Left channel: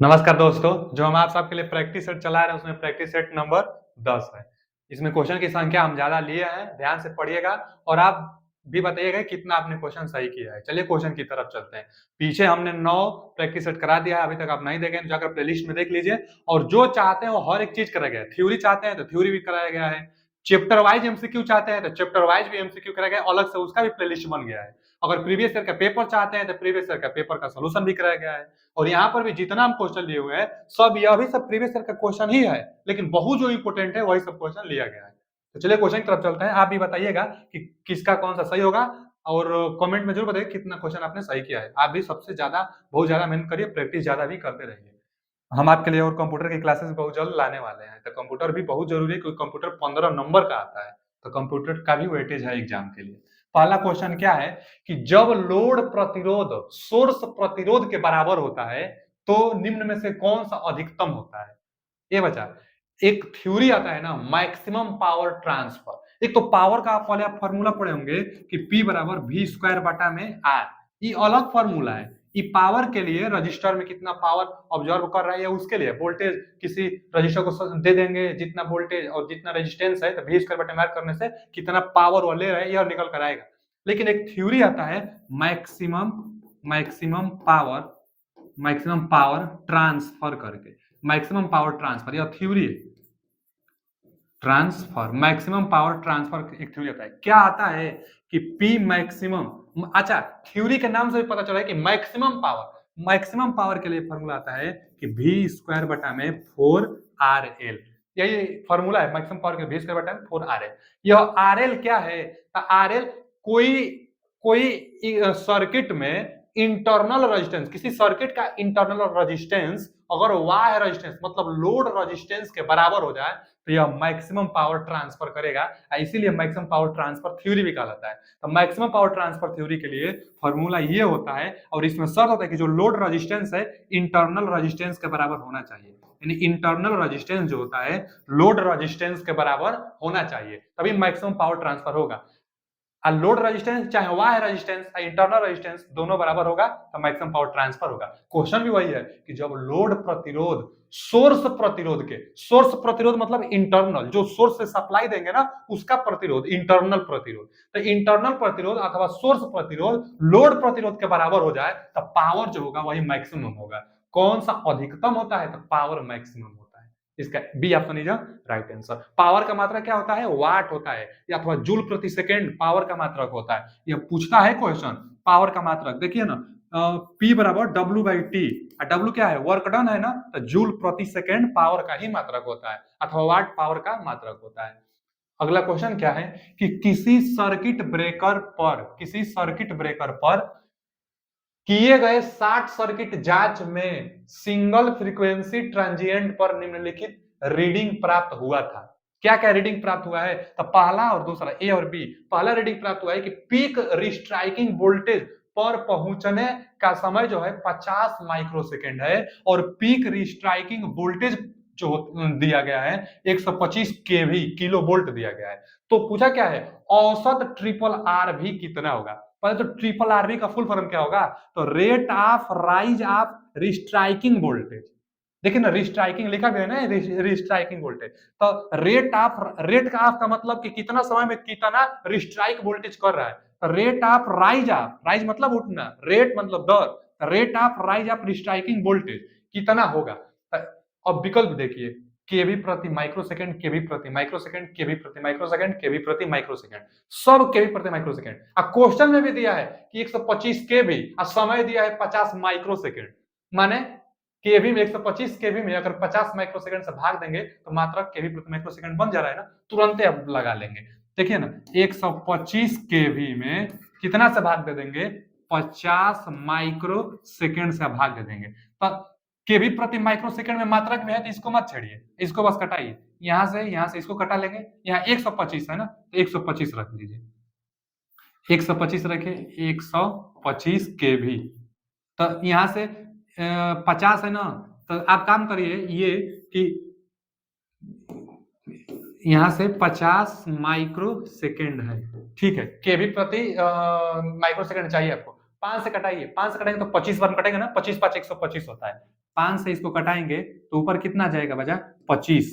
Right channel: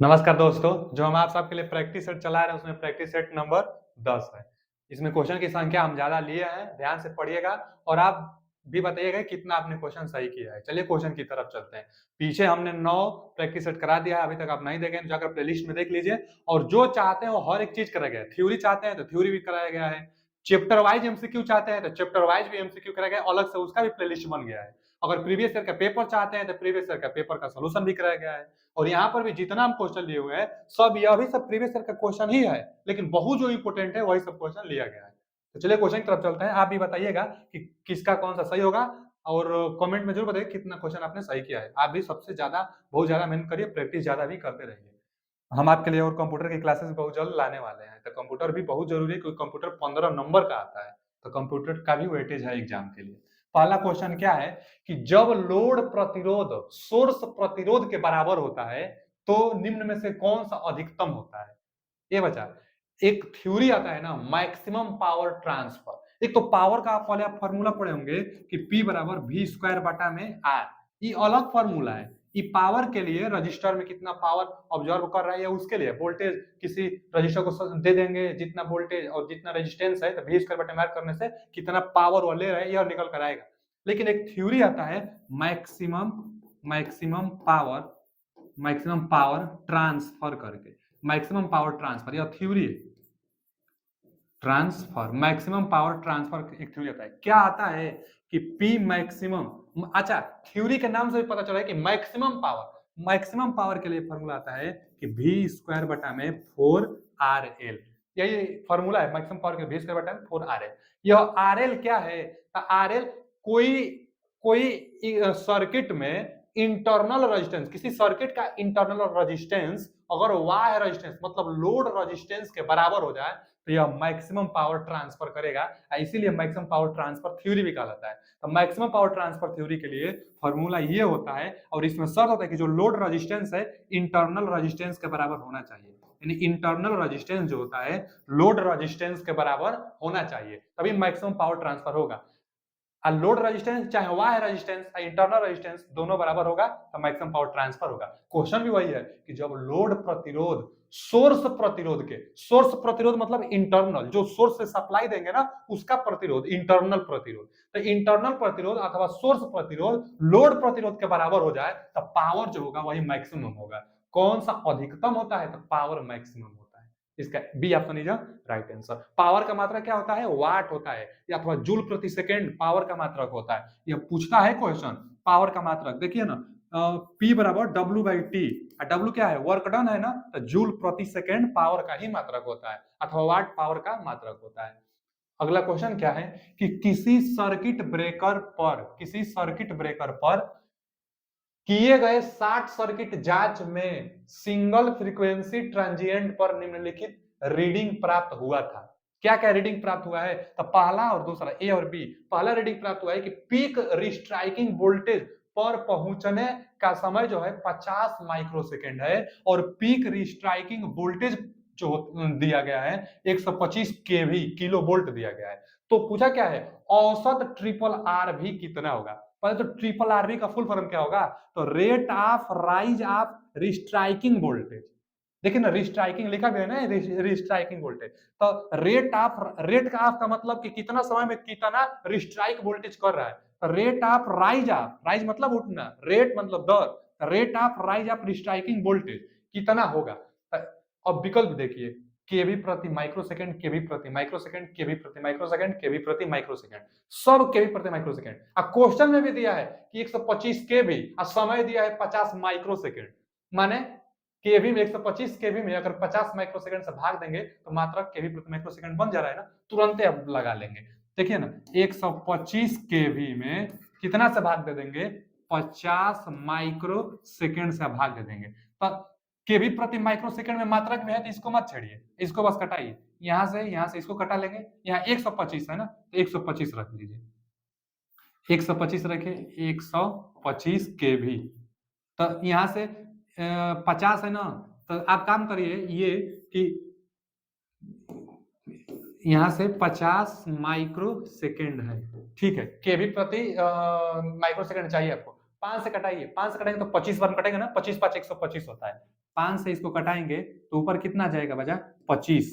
नमस्कार दोस्तों, जो हम आप सबके लिए प्रैक्टिस सेट चला रहे हैं उसमें प्रैक्टिस सेट नंबर 10 है। इसमें क्वेश्चन की संख्या हम ज्यादा लिए हैं, ध्यान से पढ़िएगा और आप भी बताइएगा कितना आपने क्वेश्चन सही किया है। चलिए क्वेश्चन की तरफ चलते हैं। पीछे हमने 9 प्रैक्टिस सेट करा दिया है, अभी तक आप नहीं देखे तो जाकर प्लेलिस्ट में देख लीजिए। और जो चाहते हैं वो हर एक चीज कराया गया है। थ्योरी चाहते हैं तो थ्योरी भी कराया गया है। चैप्टर वाइज एमसीक्यू चाहते हैं तो चैप्टर वाइज भी एमसीक्यू कराया गया है, अलग से उसका भी प्लेलिस्ट बन गया है। अगर प्रीवियस ईयर का पेपर चाहते हैं तो प्रीवियस ईयर का पेपर का सोल्यूशन भी कराया गया है। और यहाँ पर भी जितना हम क्वेश्चन लिए हुए हैं सब यह भी सब प्रीवियस ईयर का क्वेश्चन ही है, लेकिन बहुत जो इंपोर्टेंट है वही सब क्वेश्चन लिया गया है। तो चलिए क्वेश्चन की तरफ चलते हैं। आप भी बताइएगा कि किसका कौन सा सही होगा और कमेंट में जरूर बताइए कितना क्वेश्चन आपने सही किया है। आप भी सबसे ज्यादा बहुत ज्यादा मेहनत करिए, प्रैक्टिस ज्यादा भी करते रहिए। हम आपके लिए और कंप्यूटर की क्लासेस बहुत जल्द लाने वाले हैं। तो कंप्यूटर भी बहुत जरूरी है क्योंकि कंप्यूटर 15 नंबर का आता है। तो कंप्यूटर का भी वेटेज है एग्जाम के लिए। पहला क्वेश्चन क्या है कि जब लोड प्रतिरोध सोर्स प्रतिरोध के बराबर होता है तो निम्न में से कौन सा अधिकतम होता है। ये बचा एक थ्योरी आता है ना, मैक्सिमम पावर ट्रांसफर। एक तो पावर का पहले आप फॉर्मूला पढ़े होंगे कि P बराबर वी स्क्वायर बटा में आर। ये अलग फॉर्मूला है। ये पावर के लिए रजिस्टर में कितना पावर ऑब्जर्व कर रहा है या उसके लिए वोल्टेज किसी रजिस्टर को दे देंगे, जितना वोल्टेज और जितना रेजिस्टेंस है तो वी स्क्वायर बटा में आर करने से कितना पावर वो ले रहा है यह निकल कर आएगा। लेकिन एक थ्योरी आता है maximum maximum power maximum power transfer करके। मैक्सिमम पावर ट्रांसफर यह थ्योरी है। ट्रांसफर मैक्सिमम पावर ट्रांसफर एक थ्योरी आता है। क्या आता है कि P मैक्सिमम, अच्छा थ्योरी के नाम से भी पता चला है कि मैक्सिमम पावर के लिए फॉर्मूला आता है कि वी स्क्वायर बटा में 4RL। यही फॉर्मूला है मैक्सिमम पावर के वी स्क्वायर बटा में 4RL। यह RL क्या है? RL कोई कोई सर्किट में इंटरनल रेजिस्टेंस, किसी सर्किट का इंटरनल रेजिस्टेंस अगर वाई रेजिस्टेंस मतलब लोड रेजिस्टेंस के बराबर हो जाए तो यह मैक्सिमम पावर ट्रांसफर करेगा। इसीलिए मैक्सिमम पावर ट्रांसफर थ्योरी भी कहलाता है। तो मैक्सिमम पावर ट्रांसफर थ्योरी के लिए फॉर्मूला ये होता है और इसमें शर्त होता है कि जो लोड रेजिस्टेंस है इंटरनल रेजिस्टेंस के बराबर होना चाहिए। यानी इंटरनल रेजिस्टेंस जो होता है लोड रेजिस्टेंस के बराबर होना चाहिए, तभी मैक्सिमम पावर ट्रांसफर होगा। लोड रेजिस्टेंस चाहे वाई रेजिस्टेंस इंटरनल रेजिस्टेंस दोनों बराबर होगा तो मैक्सिमम पावर ट्रांसफर होगा। क्वेश्चन भी वही है कि जब लोड प्रतिरोध सोर्स प्रतिरोध मतलब इंटरनल, जो सोर्स से सप्लाई देंगे ना उसका प्रतिरोध इंटरनल प्रतिरोध। तो इंटरनल प्रतिरोध अथवा सोर्स प्रतिरोध लोड प्रतिरोध के बराबर हो जाए तो पावर जो होगा वही मैक्सिमम होगा। कौन सा अधिकतम होता है? तो पावर मैक्सिमम होता है। इसका B option is right answer. Power का मात्रा क्या होता है? वाट होता है या अथवा जूल प्रति सेकेंड पावर का मात्रक होता है। यह पूछता है क्वेश्चन पावर का मात्रक। देखिए ना, P बराबर W बाई टी। W क्या है? वर्क डन है ना, तो जूल प्रति सेकेंड पावर का ही मात्रक होता है अथवा वाट पावर का मात्रक होता है। अगला क्वेश्चन क्या है कि किसी सर्किट ब्रेकर पर किए गए शॉर्ट सर्किट जांच में सिंगल फ्रीक्वेंसी ट्रांजिएंट पर निम्नलिखित रीडिंग प्राप्त हुआ था। क्या क्या रीडिंग प्राप्त हुआ है? तो पहला और दूसरा ए और बी। पहला रीडिंग प्राप्त हुआ है कि पीक रिस्ट्राइकिंग वोल्टेज पर पहुंचने का समय जो है 50 माइक्रोसेकेंड है और पीक रिस्ट्राइकिंग वोल्टेज जो दिया गया है 125 केवी किलो वोल्ट दिया गया है। तो पूछा क्या है औसत ट्रिपल आर भी कितना होगा। पहले तो ट्रिपल आरबी का फुल फॉर्म क्या होगा? तो rate of rise of restriking voltage. देखिए ना, रिस्ट्राइकिंग लिखा भी है ना, रिस्ट्राइकिंग वोल्टेज। तो रेट का ऑफ का मतलब कि कितना समय में कितना रिस्ट्राइक वोल्टेज कर रहा है। तो रेट ऑफ राइज मतलब उठना, रेट मतलब दर, rate of rise of restriking voltage कितना होगा। अब विकल्प देखिए, केवी प्रति माइक्रोसेकंड, केवी प्रति माइक्रोसेकंड, केवी प्रति माइक्रोसेकंड, केवी प्रति माइक्रोसेकंड, सब केवी प्रति माइक्रोसेकंड। अब क्वेश्चन में भी दिया है कि 125 केवी और समय दिया है 50 माइक्रोसेकंड। माने केवी में 125 केवी में अगर 50 माइक्रोसेकंड से भाग देंगे तो मात्रा केवी प्रति माइक्रोसेकंड बन जा रहा है ना, तुरंत अब लगा लेंगे। देखिए ना, 125 केवी में कितना से भाग दे देंगे? 50 माइक्रो सेकेंड से भाग दे देंगे। तो केवी प्रति माइक्रो सेकेंड में मात्रक में है तो इसको मत छेड़िए, इसको बस कटाइए। यहां से इसको कटा लेंगे। यहाँ 125 है ना, तो 125 रख लीजिए। 125 रखे, 125 केवी। तो यहां से 50 है ना, तो आप काम करिए ये कि यहां से 50 माइक्रो सेकेंड है, ठीक है। केवी प्रति माइक्रो सेकेंड चाहिए आपको। 5 से कटाइए, 5 से कटाएंगे तो 25 बार कटेंगे ना, 25 5 125 होता है। 5 से इसको कटाएंगे तो ऊपर कितना जाएगा बचा 25,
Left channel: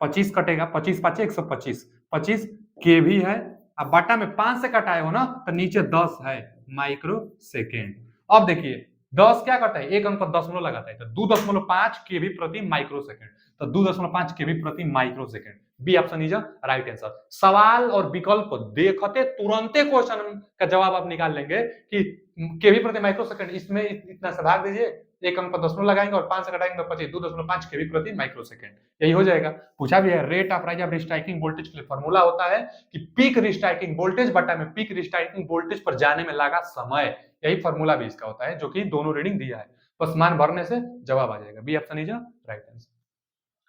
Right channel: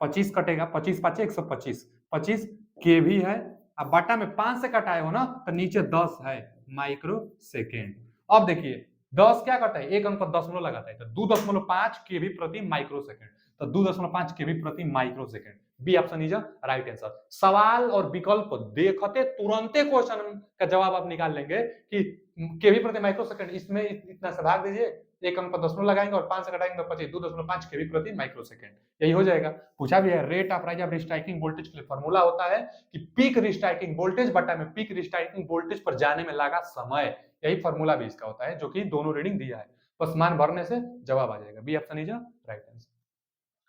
25 कटेगा, 25 5 125, 25 के भी है। अब बटा में 5 से कटाए हो ना तो नीचे 10 है माइक्रो सेकेंड। अब देखिए 10 क्या करता है, एक अंक पर दशमलव लगाता है, तो 2.5 केवी प्रति माइक्रो सेकेंड, तो 2.5 केवी प्रति microsecond. B option is right answer. सवाल और विकल्प देखते तुरंते क्वेश्चन का जवाब आप निकाल लेंगे कि केवी प्रति माइक्रो सेकेंड, इसमें इतना से भाग दीजिए, एक अंक पर दशमलव लगाएंगे और 5 से घटाएंगे तो 25, 2.5 केवी प्रति माइक्रो सेकेंड, यही हो जाएगा। पूछा भी है rate of rise of restriking voltage के लिए फॉर्मूला होता है कि पीक रिस्ट्राइकिंग वोल्टेज बटा में पीक रिस्ट्राइकिंग वोल्टेज पर जाने में लगा समय, यही फॉर्मूला भी इसका होता है, जो कि दोनों रीडिंग दिया है, बस मान भरने से जवाब आ जाएगा। B option is right answer.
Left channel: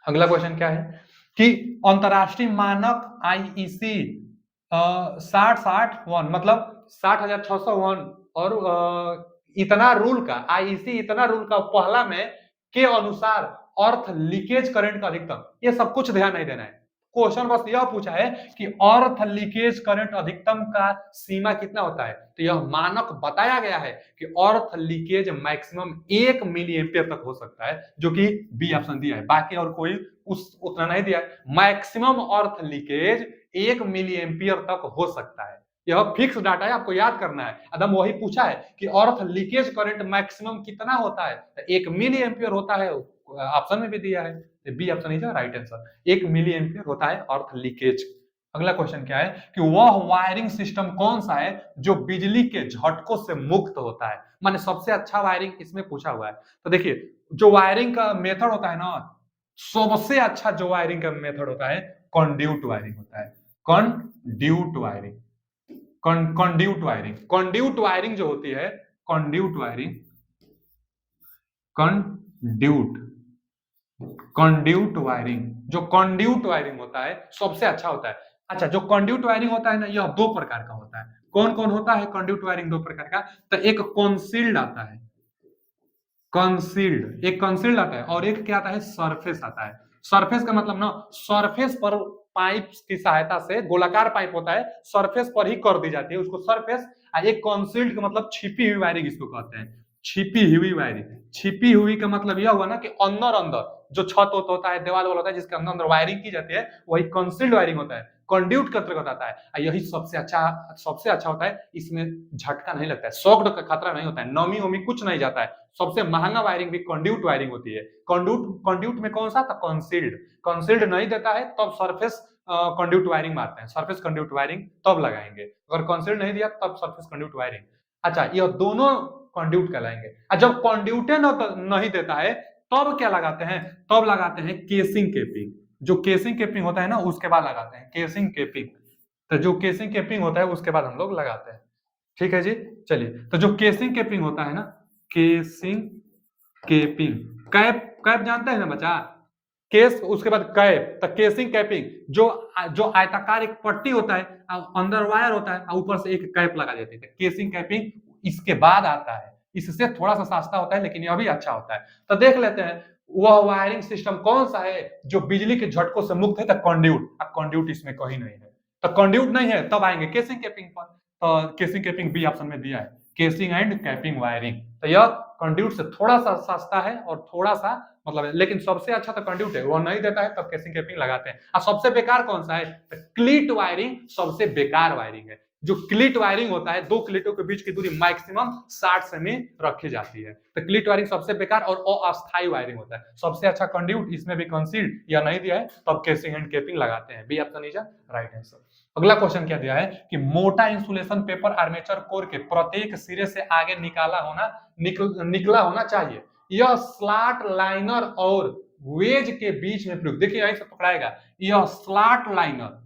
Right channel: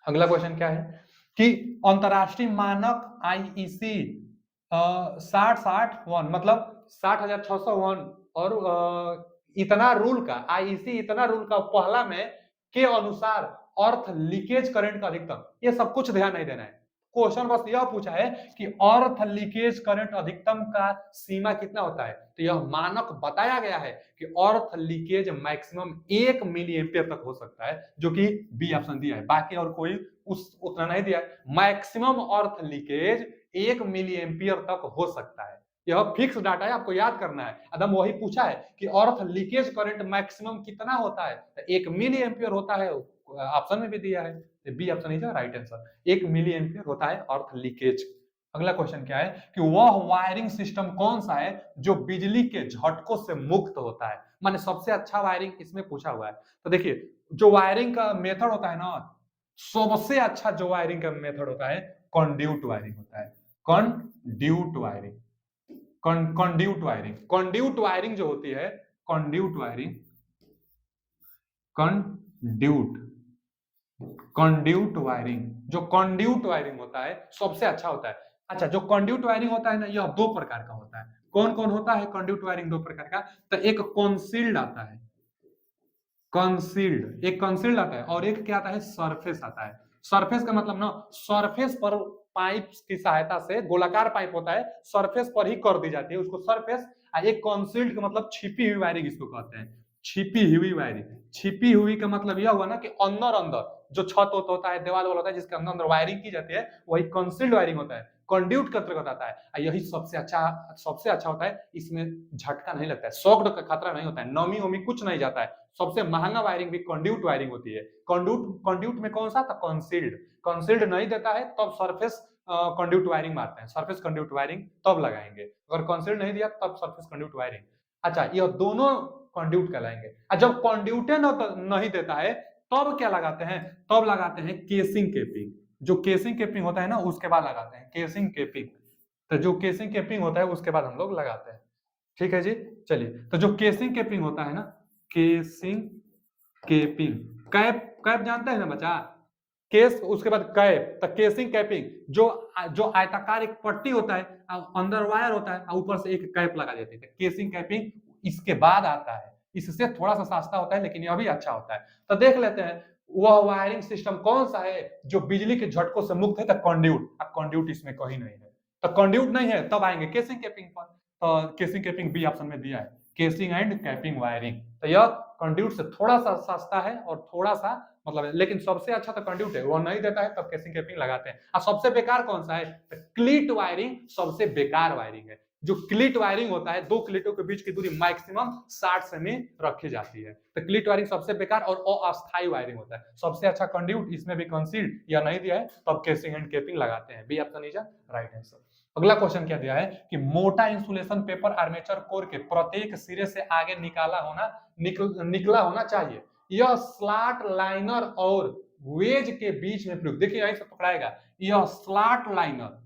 अगला क्वेश्चन क्या है कि अंतरराष्ट्रीय मानक आईईसी 6061 मतलब 60,601 और इतना रूल का आईईसी इतना रूल का पहला में के अनुसार अर्थ लीकेज करंट का अधिकतम, ये सब कुछ ध्यान नहीं देना है, क्वेश्चन बस यह पूछा है कि अर्थ लीकेज करंट अधिकतम का सीमा कितना होता है, तो यह मानक बताया गया है कि earth leakage maximum 1 milliampere तक हो सकता है, जो कि बी ऑप्शन दिया है, बाकी और कोई उतना नहीं दिया है। Maximum earth leakage 1 milliampere तक हो सकता है, यह फिक्स डाटा है, आपको याद करना है। एकदम वही पूछा है कि अर्थ लीकेज करंट मैक्सिमम कितना होता है, तो 1 मिली एम्पियर होता है, ऑप्शन में भी दिया है, B option is right answer. 1 milliampere होता है अर्थ लीकेज। अगला क्वेश्चन क्या है कि वह वायरिंग सिस्टम कौन सा है जो बिजली के झटकों से मुक्त होता है, माने सबसे अच्छा वायरिंग इसमें पूछा हुआ है। तो देखिए जो वायरिंग का मेथड होता है ना, सबसे अच्छा जो वायरिंग का मेथड होता है कंड्यूट वायरिंग होता है, conduit wiring, conduit wiring, conduit wiring जो होती है, conduit wiring, conduit conduit wiring, जो कंड्यूट वायरिंग होता है सबसे अच्छा होता है। अच्छा जो कंड्यूट वायरिंग होता है ना, यह दो प्रकार का होता है। कौन कौन होता है कंड्यूट वायरिंग दो प्रकार का, तो एक कॉन्सील्ड आता है, कंसील्ड, एक कंसील्ड आता है और एक क्या आता है सरफेस आता है। सरफेस का मतलब ना सरफेस पर पाइप की सहायता से, गोलाकार पाइप होता है, सरफेस पर ही कर दी जाती है उसको सरफेस। एक कंसील्ड का मतलब छिपी हुई वायरिंग इसको कहते हैं, छिपी हुई वायरिंग। छिपी हुई का मतलब यह हुआ ना कि अंदर अंदर जो छत होता है, दीवार होता है, जिसके अंदर अंदर वायरिंग की जाती है, वही कंसील्ड वायरिंग होता है, कंड्यूट के अंतर्गत आता है। यही सबसे अच्छा होता है, इसमें झटका नहीं लगता है, शॉक का खतरा नहीं होता है, नमी वमी कुछ नहीं जाता है। सबसे महंगा वायरिंग भी कंड्यूट वायरिंग होती है। कंड्यूट में कौन सा था, कंसील्ड, कंसील्ड नहीं देता है तब सरफेस कंड्यूट वायरिंग मारते हैं, सरफेस कंड्यूट वायरिंग तब लगाएंगे, अगर कंसील्ड नहीं दिया तब सरफेस कंड्यूट वायरिंग। अच्छा ये दोनों कंड्यूट कहलाएंगे। जब कंड्यूटे नहीं देता है तब क्या लगाते हैं, तब लगाते हैं केसिंग केपिंग, जो केसिंग केपिंग होता है ना उसके बाद लगाते हैं केसिंग केपिंग। तो जो केसिंग केपिंग होता है उसके बाद हम लोग लगाते हैं, ठीक है जी। चलिए तो जो केसिंग केपिंग होता है ना, केसिंग केपिंग, कैप कैप जानते हैं ना बच्चा, केस उसके बाद कैप, तो केसिंग कैपिंग, जो जो आयताकार एक पट्टी होता है, अंदर वायर होता है, ऊपर से एक कैप लगा देते हैं, केसिंग कैपिंग इसके बाद आता है, इससे थोड़ा सा सस्ता होता है लेकिन यह भी अच्छा होता है। तो देख लेते हैं वह वायरिंग सिस्टम कौन सा है जो बिजली के झटकों से मुक्त है, तो कंड्यूट। अब कंड्यूट इसमें कहीं नहीं है, तो कंड्यूट नहीं है तब आएंगे केसिंग कैपिंग पर, तो केसिंग कैपिंग बी ऑप्शन में दिया है, केसिंग एंड कैपिंग वायरिंग। तो यह कंड्यूट से थोड़ा सा सस्ता है और थोड़ा सा मतलब, लेकिन सबसे अच्छा तो कंड्यूट है, वो नहीं देता है तब केसिंग कैपिंग लगाते हैं। और सबसे बेकार कौन सा है, तो क्लीट वायरिंग सबसे बेकार वायरिंग है। जो क्लीट वायरिंग होता है, दो क्लीटों के बीच की दूरी मैक्सिमम 60 सेमी रखी जाती है, तो क्लीट वायरिंग सबसे बेकार और अस्थायी वायरिंग होता है। सबसे अच्छा कंड्यूट, इसमें भी कंसील्ड या नहीं दिया है तब केसिंग एंड कैपिंग लगाते हैं, B option is right answer. अगला क्वेश्चन क्या दिया है कि मोटा इंसुलेशन पेपर आर्मेचर कोर के प्रत्येक सिरे से आगे निकला होना चाहिए, यह स्लॉट लाइनर और वेज के बीच में प्रयुक्त, देखिए यहीं से पकड़ाएगा, यह स्लॉट लाइनर,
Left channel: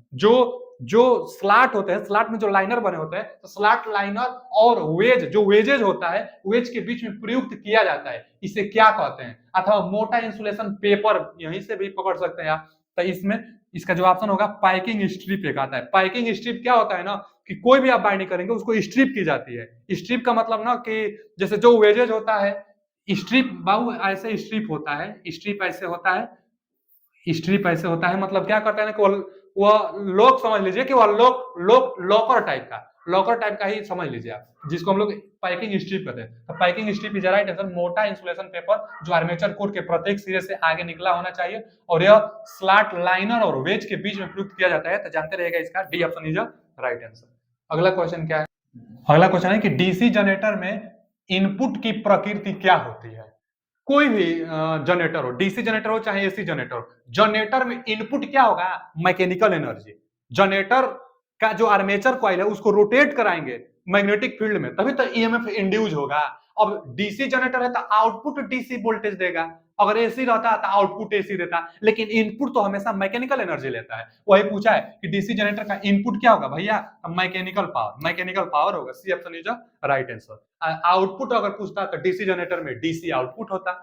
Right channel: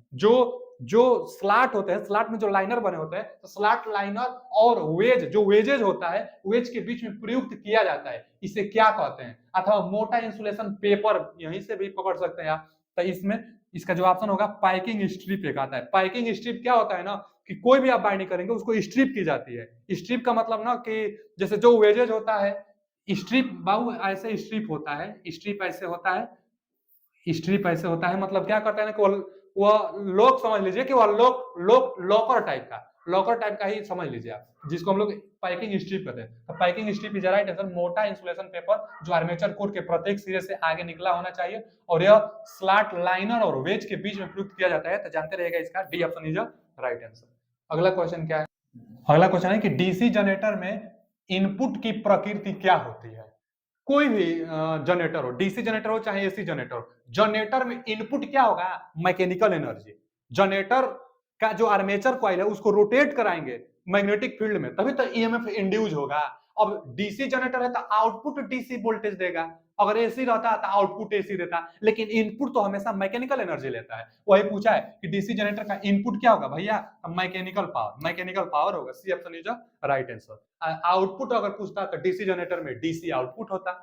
जो स्लॉट होते हैं, स्लॉट में जो लाइनर बने होते हैं, तो स्लॉट लाइनर और वेज, जो वेजेज होता है, वेज के बीच में प्रयुक्त किया जाता है, इसे क्या कहते हैं। अथवा मोटा इंसुलेशन पेपर, यहीं से भी पकड़ सकते हैं आप। तो इसमें इसका जो ऑप्शन होगा पाइकिंग स्ट्रिप एक आता है। पाइकिंग स्ट्रिप क्या होता है ना कि कोई भी आप बाइंडिंग करेंगे उसको स्ट्रिप की जाती है। स्ट्रिप का मतलब ना कि जैसे जो वेजेज होता है, स्ट्रिप बाबू ऐसे स्ट्रिप होता है, स्ट्रिप ऐसे होता है, स्ट्रिप ऐसे होता है, मतलब क्या करता है ना कि वो लॉक समझ लीजिए कि वो लॉकर टाइप का, लॉकर टाइप का ही समझ लीजिए आप, जिसको हम लोग पैकिंग स्ट्रिप कहते हैं। तो packing strip is right answer, मोटा इंसुलेशन पेपर जो आर्मेचर कोर के प्रत्येक सिरे से आगे निकला होना चाहिए और यह स्लॉट लाइनर और वेज के बीच में प्रयुक्त किया जाता है। तो जानते रहेगा इसका D option is right answer. अगला क्वेश्चन क्या है? अगला क्वेश्चन है कि डीसी जनरेटर में इनपुट की प्रकृति क्या होती है? कोई भी जनरेटर हो, डीसी जनरेटर हो चाहे एसी जनरेटर हो, जनरेटर में इनपुट क्या होगा? Mechanical energy. जनरेटर का जो आर्मेचर कॉइल है उसको रोटेट कराएंगे मैग्नेटिक फील्ड में, तभी तो ईएमएफ इंड्यूस होगा। अब डीसी जनरेटर है तो आउटपुट डीसी वोल्टेज देगा, अगर एसी रहता है तो आउटपुट एसी देता, लेकिन इनपुट तो हमेशा मैकेनिकल एनर्जी लेता है। वही पूछा है कि डीसी जनरेटर का इनपुट क्या होगा भैया? मैकेनिकल पावर, मैकेनिकल पावर होगा। C option is right answer. Output अगर पूछता तो डीसी जनरेटर में डीसी आउटपुट होता,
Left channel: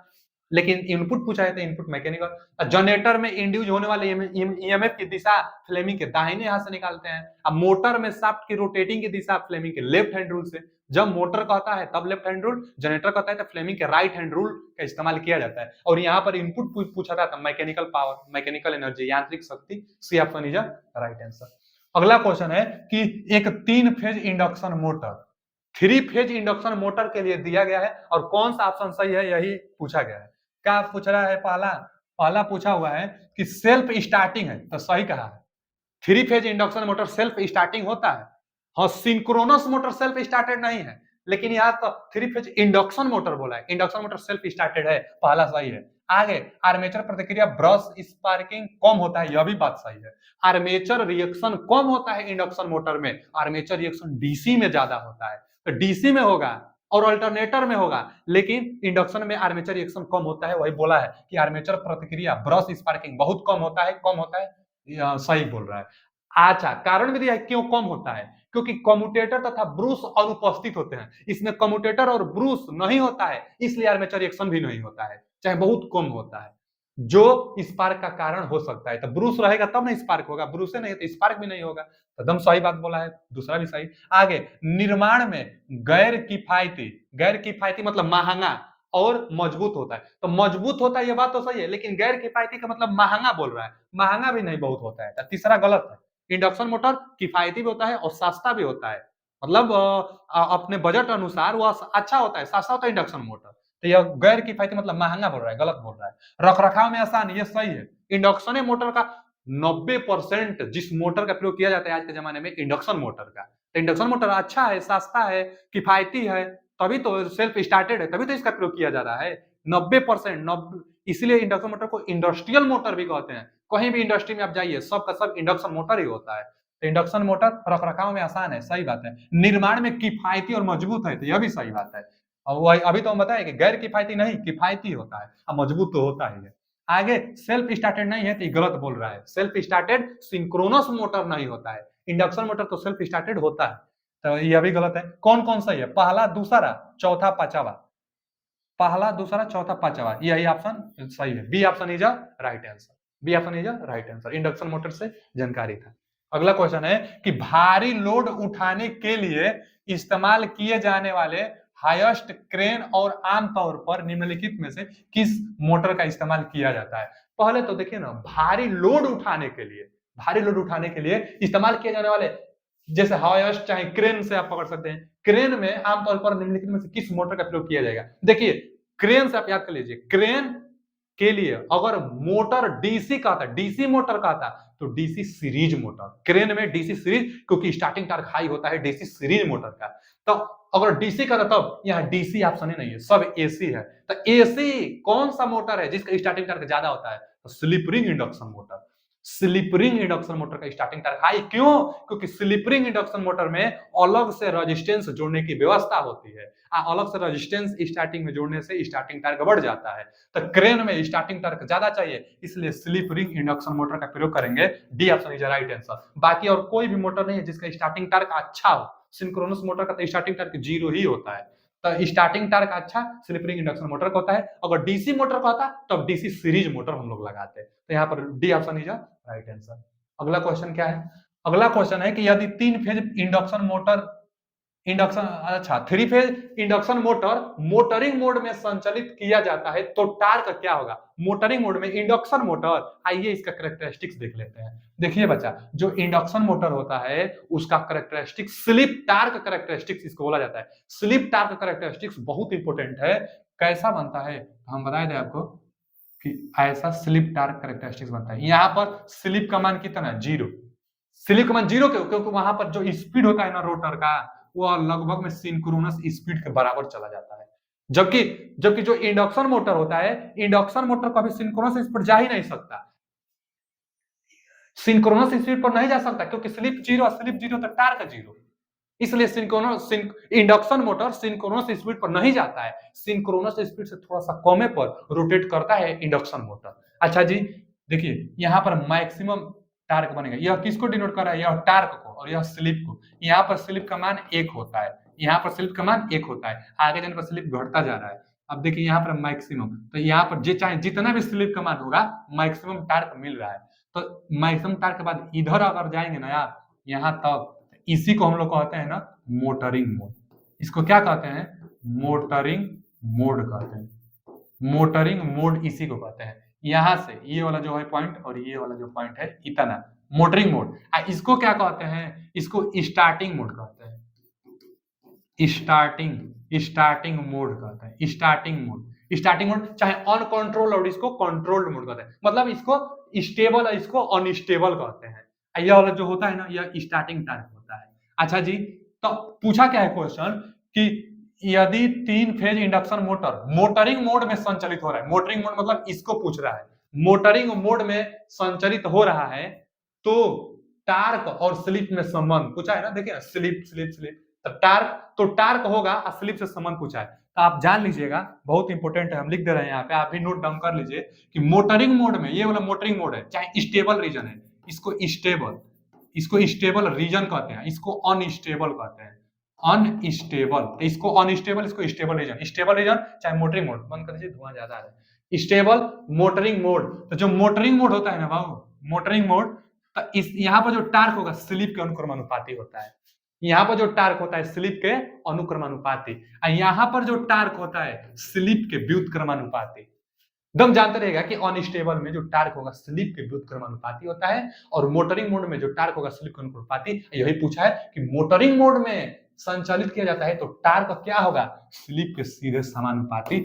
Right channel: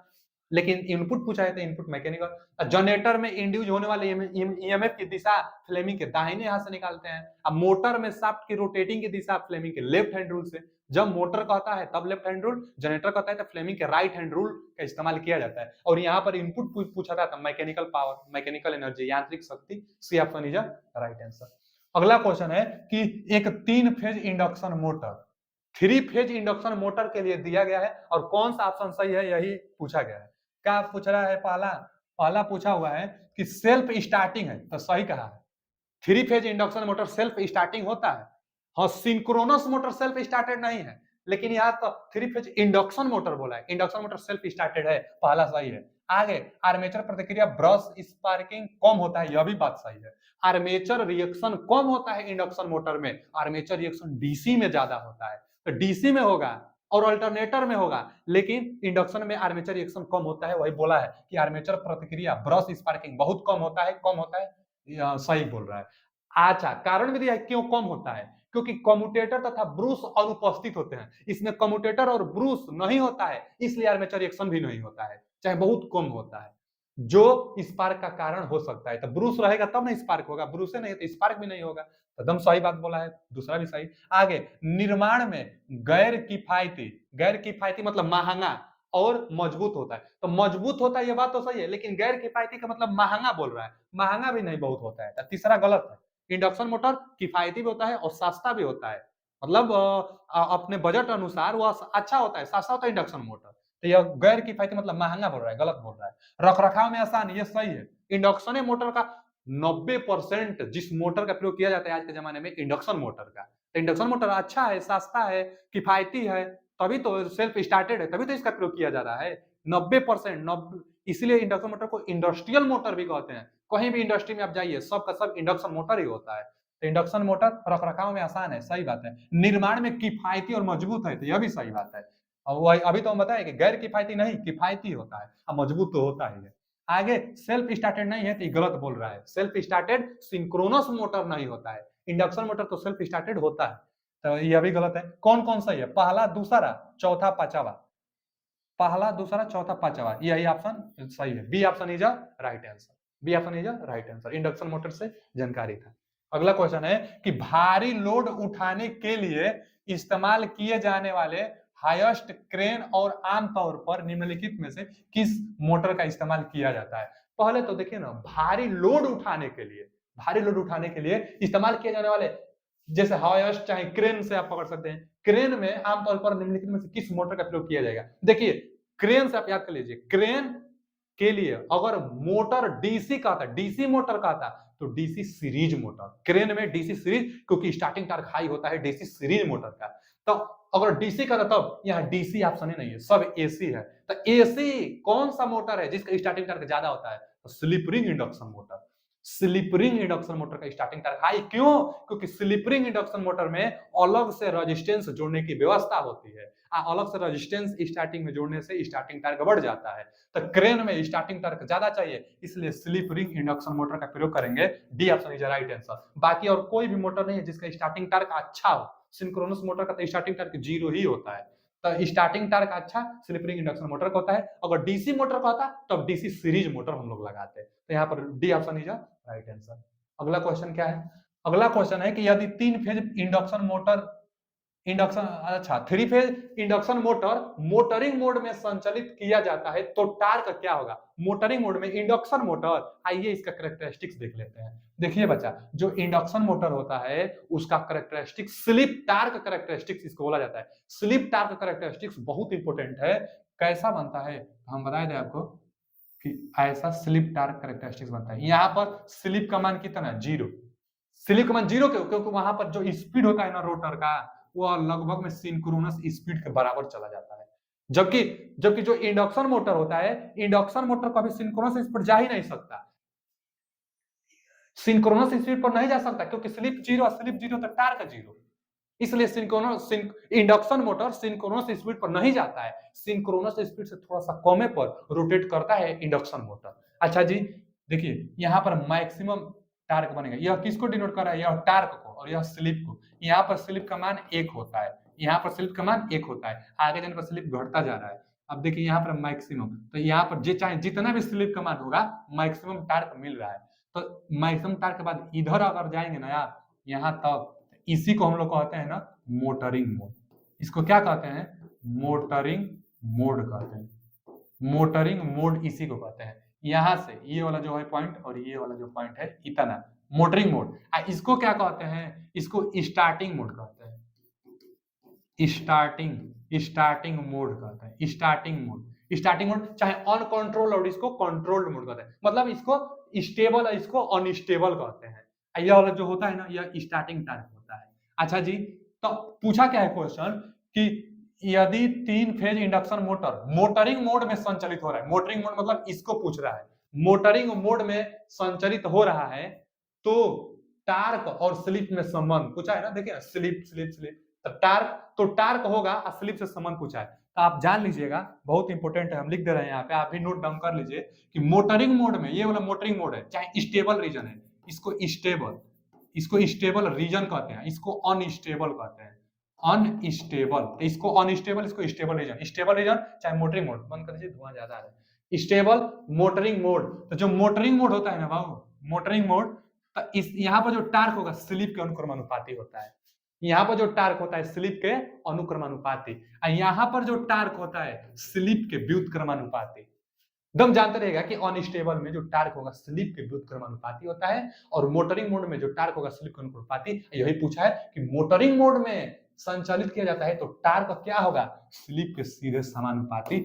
लेकिन इनपुट पूछा है तो इनपुट मैकेनिकल। जनरेटर में इंड्यूस होने वाले ईएमएफ की दिशा फ्लेमिंग के दाहिने हाथ से निकालते हैं। अब मोटर में शाफ्ट की रोटेटिंग की दिशा फ्लेमिंग के लेफ्ट हैंड रूल से। जब मोटर कहता है तब लेफ्ट हैंड रूल, जनरेटर कहता है तो फ्लेमिंग के राइट हैंड रूल का इस्तेमाल किया जाता है। और यहाँ पर इनपुट पूछा था मैकेनिकल पावर, मैकेनिकल एनर्जी, यांत्रिक शक्ति। C option is right answer. अगला क्वेश्चन है कि एक 3 phase induction motor 3 phase induction motor के लिए दिया गया है और कौन सा ऑप्शन सही है यही पूछा गया है। क्या पूछ रहा है? पहला पूछा हुआ है कि सेल्फ स्टार्टिंग है, तो सही कहा है। 3 phase induction motor self starting होता है। हाँ, सिंक्रोनस मोटर सेल्फ स्टार्टेड नहीं है, लेकिन यहाँ तो 3 फेज इंडक्शन मोटर बोला है, इंडक्शन मोटर सेल्फ स्टार्टेड है, पहला सही है। आगे आर्मेचर प्रतिक्रिया ब्रश स्पार्किंग कम होता है, यह भी बात सही है। आर्मेचर रिएक्शन कम होता है इंडक्शन मोटर में, आर्मेचर रिएक्शन डीसी में ज्यादा होता है, तो डीसी में होगा और अल्टरनेटर में होगा, लेकिन इंडक्शन में आर्मेचर रिएक्शन कम होता है। वही बोला है कि आर्मेचर प्रतिक्रिया ब्रश स्पार्किंग बहुत कम होता है, कम होता है। सही बोल रहा है। अच्छा, कारण भी दिया है क्यों कम होता है, क्योंकि कम्यूटेटर तथा ब्रूस अनुपस्थित होते हैं। इसमें कम्यूटेटर और ब्रूस नहीं होता है, इसलिए आर्मेचर रिएक्शन भी नहीं होता है, चाहे बहुत कम होता है, जो स्पार्क का कारण हो सकता है। तो ब्रूस रहेगा तब ना स्पार्क होगा, ब्रूसे नहीं तो स्पार्क भी नहीं होगा। एकदम सही बात बोला है, दूसरा भी सही। आगे निर्माण में गैर किफायती मतलब महंगा और मजबूत होता है। तो मजबूत होता है ये बात तो सही है, लेकिन गैर किफायती का मतलब महंगा बोल रहा है, महंगा भी नहीं बहुत होता है, तो तीसरा गलत है। इंडक्शन मोटर किफायती भी होता है और सस्ता भी होता है, मतलब अपने बजट अनुसार वो अच्छा होता है, सस्ता होता है इंडक्शन मोटर। तो यह गैर किफायती मतलब महंगा बोल रहा है, गलत बोल रहा है। रखरखाव में आसान, ये सही है। इंडक्शन मोटर का 90% जिस मोटर का प्रयोग किया जाता है आज के जमाने में इंडक्शन मोटर का, तो इंडक्शन मोटर अच्छा है, सस्ता है, किफायती है, तभी तो सेल्फ स्टार्टेड है, तभी तो इसका प्रयोग किया जा रहा है। 90%, इसलिए इंडक्शन मोटर को इंडस्ट्रियल मोटर भी कहते हैं। कहीं भी इंडस्ट्री में आप जाइए, सब का सब इंडक्शन मोटर ही होता है। तो इंडक्शन मोटर रखरखाव में आसान है, सही बात है। निर्माण में किफायती और मजबूत है, तो यह भी सही बात है। और अभी तो हम बताए कि गैर किफायती नहीं, किफायती होता है, अब मजबूत तो होता ही है। आगे सेल्फ स्टार्टेड नहीं है, तो गलत बोल रहा है। सेल्फ स्टार्टेड सिंक्रोनस मोटर नहीं होता है, इंडक्शन मोटर तो सेल्फ स्टार्टेड होता है, तो यह भी गलत है। कौन कौन सही है? पहला, दूसरा, चौथा, पांचवा। पहला, दूसरा, चौथा, पांचवा, यही ऑप्शन सही है। B option is right answer, B option is right answer. Induction motor से जानकारी था। अगला क्वेश्चन है कि भारी लोड उठाने के लिए इस्तेमाल किए जाने वाले हाईएस्ट क्रेन और आमतौर पर निम्नलिखित में से किस मोटर का इस्तेमाल किया जाता है? पहले तो देखिए ना, भारी लोड उठाने के लिए, भारी लोड उठाने के लिए इस्तेमाल किए जाने वाले, जैसे हाईएस्ट चाहे क्रेन से आप पकड़ सकते हैं, क्रेन में आमतौर पर निम्नलिखित में से किस मोटर का प्रयोग किया जाएगा? देखिए, क्रेन से आप याद कर लीजिए, क्रेन के लिए अगर मोटर डीसी का था, डीसी मोटर का था, तो डीसी सीरीज मोटर। क्रेन में डीसी सीरीज, क्योंकि स्टार्टिंग टॉर्क हाई होता है डीसी सीरीज मोटर का। तो अगर डीसी का था तब यहाँ डीसी ऑप्शन ही नहीं है, सब एसी है। तो एसी कौन सा मोटर है जिसका स्टार्टिंग टॉर्क ज्यादा होता है? तो slip ring induction motor. Slip ring induction motor का स्टार्टिंग टॉर्क हाई क्यों? क्योंकि स्लिप रिंग इंडक्शन मोटर में अलग से रेजिस्टेंस जोड़ने की व्यवस्था होती है, अलग से रेजिस्टेंस स्टार्टिंग में जोड़ने से स्टार्टिंग टॉर्क बढ़ जाता है। तो क्रेन में स्टार्टिंग टॉर्क ज्यादा चाहिए, इसलिए स्लिप रिंग इंडक्शन मोटर का प्रयोग करेंगे। D option is right answer. बाकी और कोई भी मोटर नहीं है जिसका स्टार्टिंग टॉर्क अच्छा हो। सिंक्रोनस मोटर का तो स्टार्टिंग टॉर्क 0 ही होता है, तो स्टार्टिंग टॉर्क अच्छा स्लिप रिंग इंडक्शन मोटर का होता है। अगर डीसी मोटर का होता तो डीसी सीरीज मोटर हम लोग लगाते, तो यहाँ पर D option is right answer. अगला क्वेश्चन क्या है? अगला क्वेश्चन है कि यदि 3 फेज इंडक्शन मोटर इंडक्शन, अच्छा, three phase induction motor motoring mode में संचालित किया जाता है तो टार्क क्या होगा? मोटरिंग मोड में इंडक्शन मोटर, आइए इसका कैरेक्टरिस्टिक्स देख लेते हैं। देखिए बच्चा, जो इंडक्शन मोटर होता है उसका कैरेक्टरिस्टिक्स स्लिप टार्क कैरेक्टरिस्टिक्स इसको बोला जाता है। स्लिप टार्क कैरेक्टरिस्टिक्स बहुत इंपॉर्टेंट है। कैसा बनता है हम बताए थे आपको कि ऐसा स्लिप टार्क कैरेक्टरिस्टिक्स बनता है। यहाँ पर स्लिप का मान कितना? जीरो। स्लिप का मान जीरो क्यों? क्योंकि वहां पर जो स्पीड होता है ना रोटर का, वो लगभग में सिंक्रोनस स्पीड के बराबर चला जाता है। जबकि जबकि जो इंडक्शन मोटर होता है, इंडक्शन मोटर कभी सिंक्रोनस स्पीड जा ही नहीं सकता, सिंक्रोनस स्पीड पर नहीं जा सकता, क्योंकि स्लिप जीरो तो टार्क जीरो। इसलिए synchronous induction motor synchronous speed पर नहीं जाता है, सिंक्रोनस स्पीड से थोड़ा सा कमे पर रोटेट करता है इंडक्शन मोटर। अच्छा जी, देखिए यहाँ पर मैक्सिमम टार्क बनेगा। यह किसको डिनोट कर रहा है? यह टार्क को, और यह स्लिप को। यहाँ पर स्लिप का मान 1 होता है, यहाँ पर स्लिप का मान 1 होता है, आगे जाने पर स्लिप घटता जा रहा है। अब देखिए यहाँ पर मैक्सिमम, तो यहाँ पर चाहे जितना भी स्लिप का मान होगा, मैक्सिमम टार्क मिल रहा है। तो मैक्सिमम टार्क के बाद इधर अगर जाएंगे ना यार, यहाँ तक, इसी को हम लोग कहते हैं ना मोटरिंग मोड। इसको क्या कहते हैं? मोटरिंग मोड कहते हैं। मोटरिंग मोड इसी को कहते हैं। यहां से ये वाला जो है पॉइंट और ये वाला जो पॉइंट है, इतना मोटरिंग मोड। इसको क्या कहते हैं? इसको स्टार्टिंग मोड कहते हैं। स्टार्टिंग मोड कहते हैं। स्टार्टिंग मोड चाहे अनकंट्रोल्ड और इसको कंट्रोल्ड मोड कहते हैं। मतलब इसको स्टेबल और इसको अनस्टेबल कहते हैं। यह वाला जो होता है ना, यह स्टार्टिंग टाइम होता है। अच्छा जी, तो पूछा क्या है क्वेश्चन कि यदि 3 phase induction motor motoring mode में संचालित हो रहा है, मोटरिंग मोड मतलब इसको पूछ रहा है, मोटरिंग मोड में संचालित हो रहा है तो टार्क और स्लिप में संबंध पूछा है ना। देखिए स्लिप स्लिप स्लिप, तो टार्क होगा और स्लिप से संबंध पूछा है। तो आप जान लीजिएगा, बहुत इंपॉर्टेंट है, हम लिख दे रहे हैं यहाँ पे, आप भी नोट डाउन कर लीजिए कि मोटरिंग मोड में, ये वाला मोटरिंग मोड है, चाहे स्टेबल रीजन है, इसको स्टेबल रीजन कहते हैं, इसको अनस्टेबल कहते हैं। अनस्टेबल, इसको अनस्टेबल, इसको स्टेबल रीजन। स्टेबल रीजन चाहे मोटरिंग मोड, बंद कर दीजिए, धुआं ज्यादा आ रहा है। स्टेबल मोटरिंग मोड, तो जो मोटरिंग मोड होता है ना बाबू, मोटरिंग मोड, तो इस यहाँ पर जो टार्क होगा स्लिप के अनुक्रमानुपाती होता है। यहाँ पर जो टार्क होता है स्लिप के अनुक्रमानुपाती, और यहाँ पर जो टार्क होता है स्लिप के व्युत्क्रमानुपाती। एकदम जानते रहेगा कि अनस्टेबल में जो टार्क होगा स्लिप के व्युत्क्रमानुपाती होता है, और मोटरिंग मोड में जो टार्क होगा स्लिप के अनुक्रमानुपाती। यही पूछा है कि मोटरिंग मोड में संचालित किया जाता है तो टार्क क्या होगा? स्लिप के सीधे समानुपाती।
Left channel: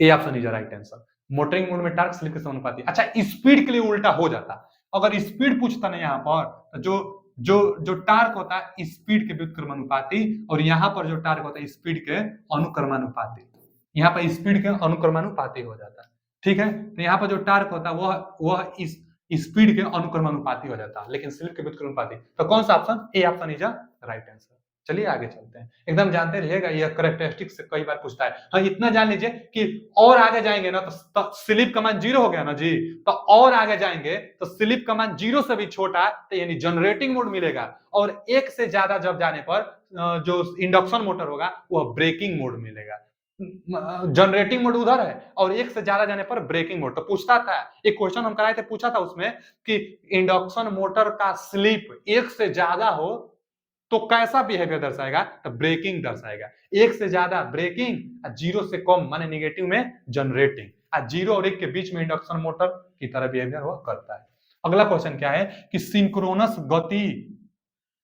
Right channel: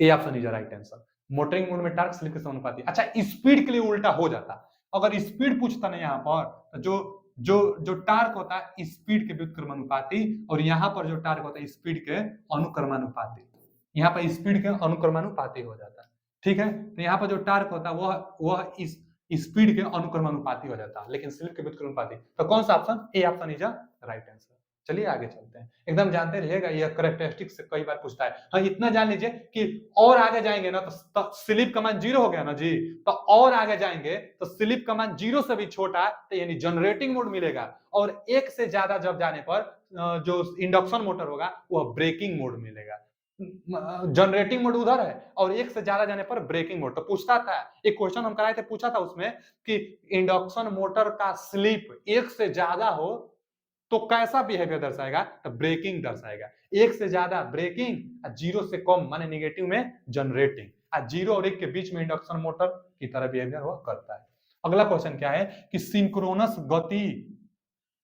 A option is right answer. Motoring mode में टार्क स्लिप के समानुपाती। अच्छा, स्पीड के लिए उल्टा हो जाता, अगर स्पीड पूछता ना यहाँ पर, तो जो जो जो टार्क होता है स्पीड के व्युत्क्रमानुपाती, और यहाँ पर जो टार्क होता है स्पीड के अनुक्रमानुपाती। यहाँ पर स्पीड के अनुक्रमानुपाती हो जाता है। ठीक है, तो यहाँ पर जो टार्क होता है वह इस स्पीड के अनुक्रमानुपाती हो जाता है, लेकिन स्लिप के व्युत्क्रमानुपाती। तो कौन सा option? A option is right answer. चलिए आगे चलते हैं, एकदम जानते रहिएगा, यह करेक्टरिस्टिक से कई बार पूछता है। हाँ, इतना जान लीजिए कि और आगे जाएंगे ना तो स्लिप का मान जीरो हो गया ना जी, तो और आगे जाएंगे तो स्लिप का मान जीरो से भी छोटा, तो यानी जनरेटिंग मोड मिलेगा, और एक से ज्यादा जब जाने पर जो इंडक्शन मोटर होगा वह ब्रेकिंग मोड मिलेगा। जनरेटिंग मोड उधर है और एक से ज्यादा जाने पर ब्रेकिंग मोड। तो पूछता था, एक क्वेश्चन हम कराए थे, पूछा था उसमें कि इंडक्शन मोटर का स्लिप एक से ज्यादा हो तो कैसा बिहेवियर दर्शाएगा? तो ब्रेकिंग दर्शाएगा। एक से ज्यादा ब्रेकिंग, जीरो से कम माने निगेटिव में जनरेटिंग, जीरो और एक के बीच में इंडक्शन मोटर की तरह बिहेवियर वो करता है। अगला क्वेश्चन क्या है कि सिंक्रोनस गति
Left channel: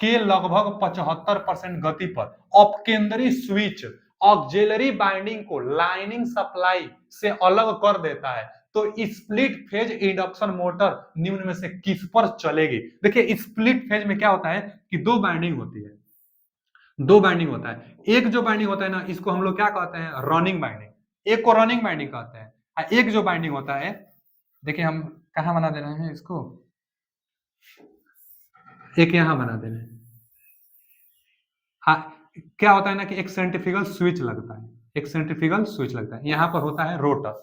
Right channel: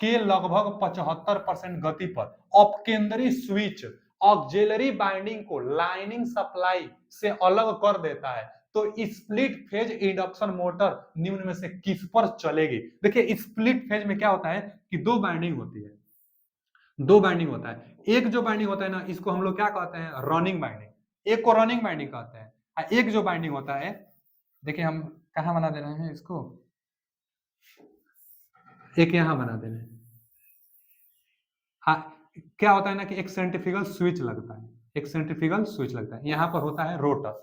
के लगभग 75% गति पर अपकेंद्री स्विच ऑक्सिलरी बाइंडिंग को लाइनिंग सप्लाई से अलग कर देता है, तो स्प्लिट फेज इंडक्शन मोटर निम्न में से किस पर चलेगी? देखिए स्प्लिट फेज में क्या होता है कि दो बाइंडिंग होती है, दो बाइंडिंग होता है। एक जो बाइंडिंग होता है ना, इसको हम लोग क्या कहते हैं? रनिंग बाइंडिंग, एक को रनिंग बाइंडिंग कहते हैं। एक जो बाइंडिंग होता है, देखिए हम कहाँ बना दे रहे हैं इसको, एक यहां बना दे रहे हैं। हाँ, क्या होता है ना कि एक सेंट्रीफ्यूगल स्विच लगता है, एक सेंट्रीफ्यूगल स्विच लगता है, यहाँ पर होता है रोटर।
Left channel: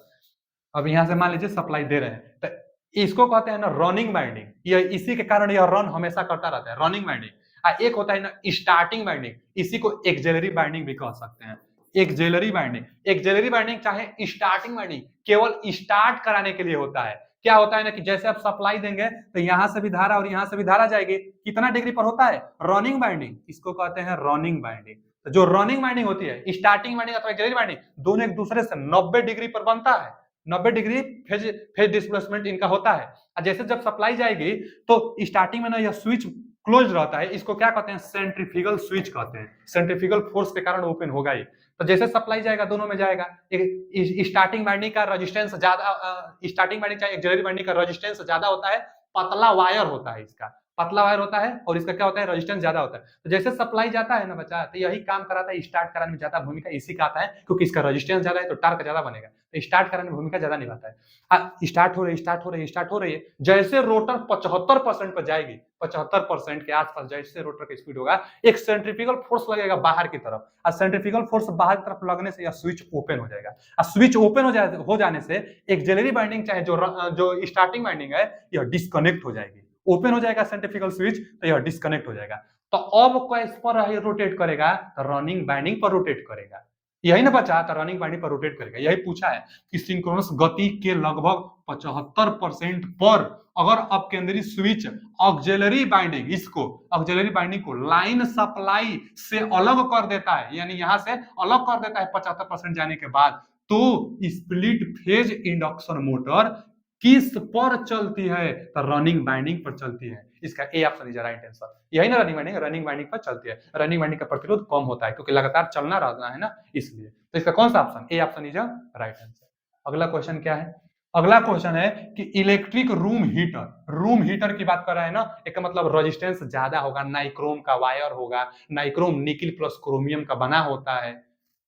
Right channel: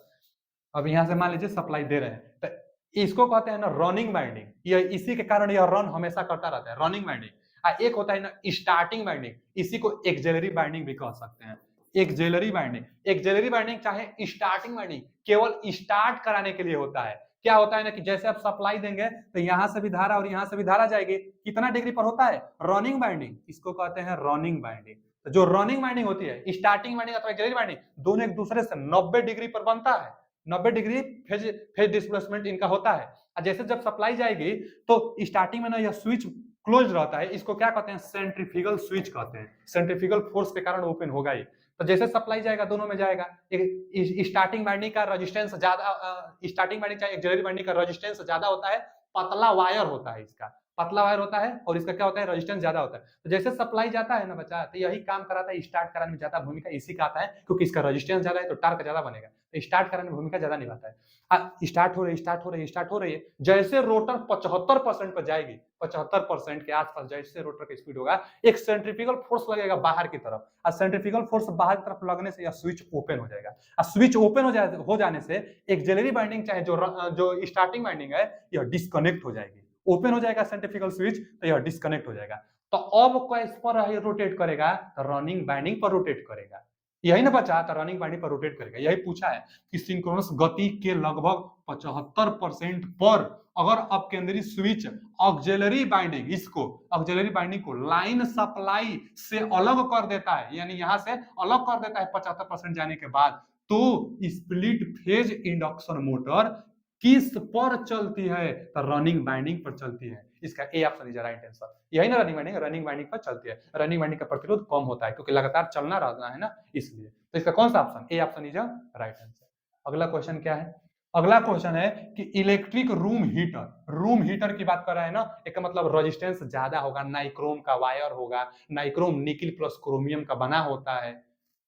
अब यहाँ से मान लीजिए सप्लाई दे रहे हैं, तो इसको कहते हैं ना रनिंग बाइंडिंग, ये इसी के कारण यह रन हमेशा करता रहता है, रनिंग बाइंडिंग। एक होता है ना स्टार्टिंग बाइंडिंग, इसी को एक्सिलरी बाइंडिंग भी कह सकते हैं। एक्सिलरी बाइंडिंग, एक्सिलरी बाइंडिंग चाहे स्टार्टिंग बाइंडिंग केवल स्टार्ट कराने के लिए होता है, क्या होता है ना कि जैसे आप सप्लाई देंगे तो यहां से भी धारा और यहां से भी धारा जाएगी, कितना डिग्री पर होता है, रनिंग बाइंडिंग, इसको कहते हैं रनिंग बाइंडिंग। तो जो रनिंग बाइंडिंग होती है, स्टार्टिंग बाइंडिंग अथवा एक्सिलरी बाइंडिंग, दोनों एक दूसरे से 90 डिग्री पर बनता है, 90 डिग्री फेज डिस्प्लेसमेंट इनका होता है। और जैसे जब सप्लाई जाएगी तो स्टार्टिंग में ना यह स्विच क्लोज रहता है, इसको क्या कहते हैं, सेंट्रीफ्यूगल स्विच कहते हैं, सेंट्रीफ्यूगल फोर्स के कारण ओपन होगा ही। तो जैसे सप्लाई जाएगा दोनों में जाएगा, स्टार्टिंग बाइंडिंग का रेजिस्टेंस ज्यादा, स्टार्टिंग बाइंडिंग का एक्सिलरी बाइंडिंग का रेजिस्टेंस ज्यादा होता है, पतला वायर होता है, इसका पतला वायर होता है और इसका क्या होता है, रेजिस्टेंस ज्यादा होता है। तो जैसे सप्लाई जाता है ना बच्चा, तो यही काम कराता है, स्टार्ट कराने में ज्यादा भूमिका इसी का आता है, क्योंकि इसका रेजिस्टेंस ज्यादा है तो टार्क ज्यादा बनेगा, तो स्टार्ट कराने में भूमिका ज्यादा निभाता है। स्टार्ट हो रही स्टार्ट हो रही है, जैसे रोटर 75% पर जाएगी, 75% के आसपास जैसे रोटर का स्पीड होगा, एक सेंट्रीफ्यूगल फोर्स लगेगा बाहर की तरफ, और सेंट्रीफ्यूगल फोर्स बाहर की तरफ लगने से यह स्विच ओपन हो जाएगा। और स्विच ओपन हो जाने से एक्सिलरी बाइंडिंग चाहे जो स्टार्टिंग बाइंडिंग है, यह डिस्कनेक्ट हो जाएगी। ओपन हो जाएगा सेंट्रीफ्यूगल स्विच तो यह डिस्कनेक्ट हो जाएगा। तो अब किस पर रोटेट करेगा, रनिंग बाइंडिंग पर रोटेट करेगा। यही ना बचा, तो रनिंग बाइंडिंग पर रोटेट करेगा। यही पूछा है कि सिंक्रोनस गति के लगभग 75% पर अगर अब केंद्रीय स्विच ऑक्सिलरी बाइंडिंग, इसको ऑक्सिलरी बाइंडिंग को लाइन सप्लाई से अलग कर देता है, यानी यहां से अलग कर देता है 75% जाने के बाद, तो स्प्लिट फेज इंडक्शन मोटर किस पर चलती है, तो रनिंग बाइंडिंग पर चलती है। इसका A option is right answer. यही ना रनिंग बाइंडिंग पर चलती है। रनिंग बाइंडिंग का प्रतिरोध कम होता है क्योंकि लगातार चलना रहता है ना, इसलिए। तो इसका कौन सा option, A option is right answer. अगला क्वेश्चन क्या है, अगला क्वेश्चन है कि इलेक्ट्रिक रूम हीटर की बात कर रहे हैं ना, एक मतलब रेजिस्टेंस ज्यादा होगा, नाइक्रोम का वायर होगा, नाइक्रोम निकिल प्लस क्रोमियम का बना होता है।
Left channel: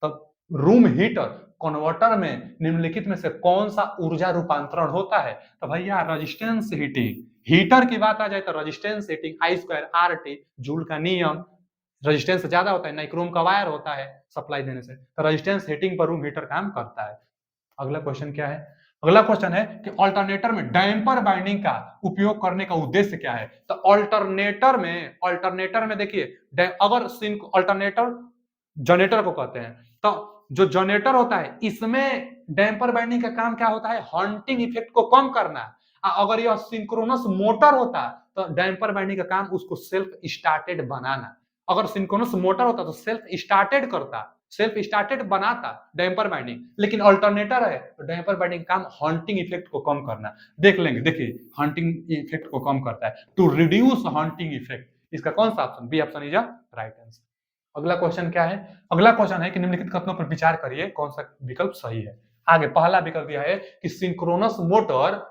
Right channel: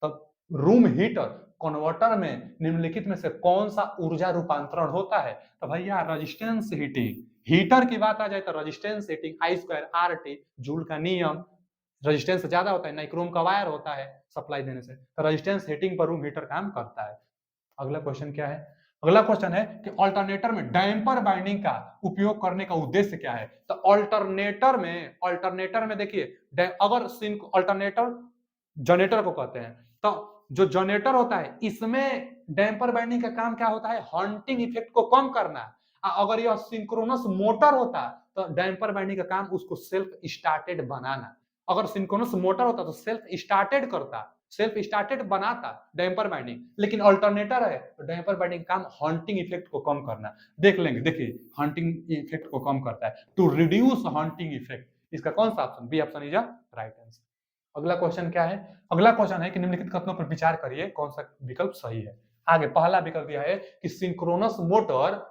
तो रूम हीटर कन्वर्टर में निम्नलिखित में से कौन सा ऊर्जा रूपांतरण होता है, तो भैया रेजिस्टेंस हीटिंग। हीटर की बात आ जाए तो रेजिस्टेंस हीटिंग आई स्क्वायर आर टी, जूल का नियम, रेजिस्टेंस ज्यादा होता है, नाइक्रोम का वायर होता है सप्लाई देने से, तो रेजिस्टेंस हीटिंग पर रूम हीटर काम करता है। अगला क्वेश्चन क्या है, अगला क्वेश्चन है कि अल्टरनेटर में डैम्पर बाइंडिंग का उपयोग करने का उद्देश्य क्या है, तो अल्टरनेटर में देखिए, अगर अल्टरनेटर जनरेटर को कहते हैं, तो जो जनरेटर होता है इसमें डैम्पर बाइंडिंग का काम क्या होता है, हंटिंग इफेक्ट को कम करना। अगर यह सिंक्रोनस मोटर होता तो डैम्पर बाइंडिंग का काम उसको सेल्फ स्टार्टेड बनाना। अगर सिंक्रोनस मोटर होता तो सेल्फ स्टार्टेड बनाता डैम्पर बाइंडिंग, लेकिन अल्टरनेटर है तो डैम्पर बाइंडिंग काम हंटिंग इफेक्ट को कम करना। देख लेंगे, देखिए हंटिंग इफेक्ट को कम करता है, टू रिड्यूस हंटिंग इफेक्ट। इसका कौन सा option, B option is right answer. अगला क्वेश्चन क्या है, अगला क्वेश्चन है कि निम्नलिखित कथनों पर विचार करिए कौन सा विकल्प सही है। आगे पहला विकल्प यह है कि सिंक्रोनस मोटर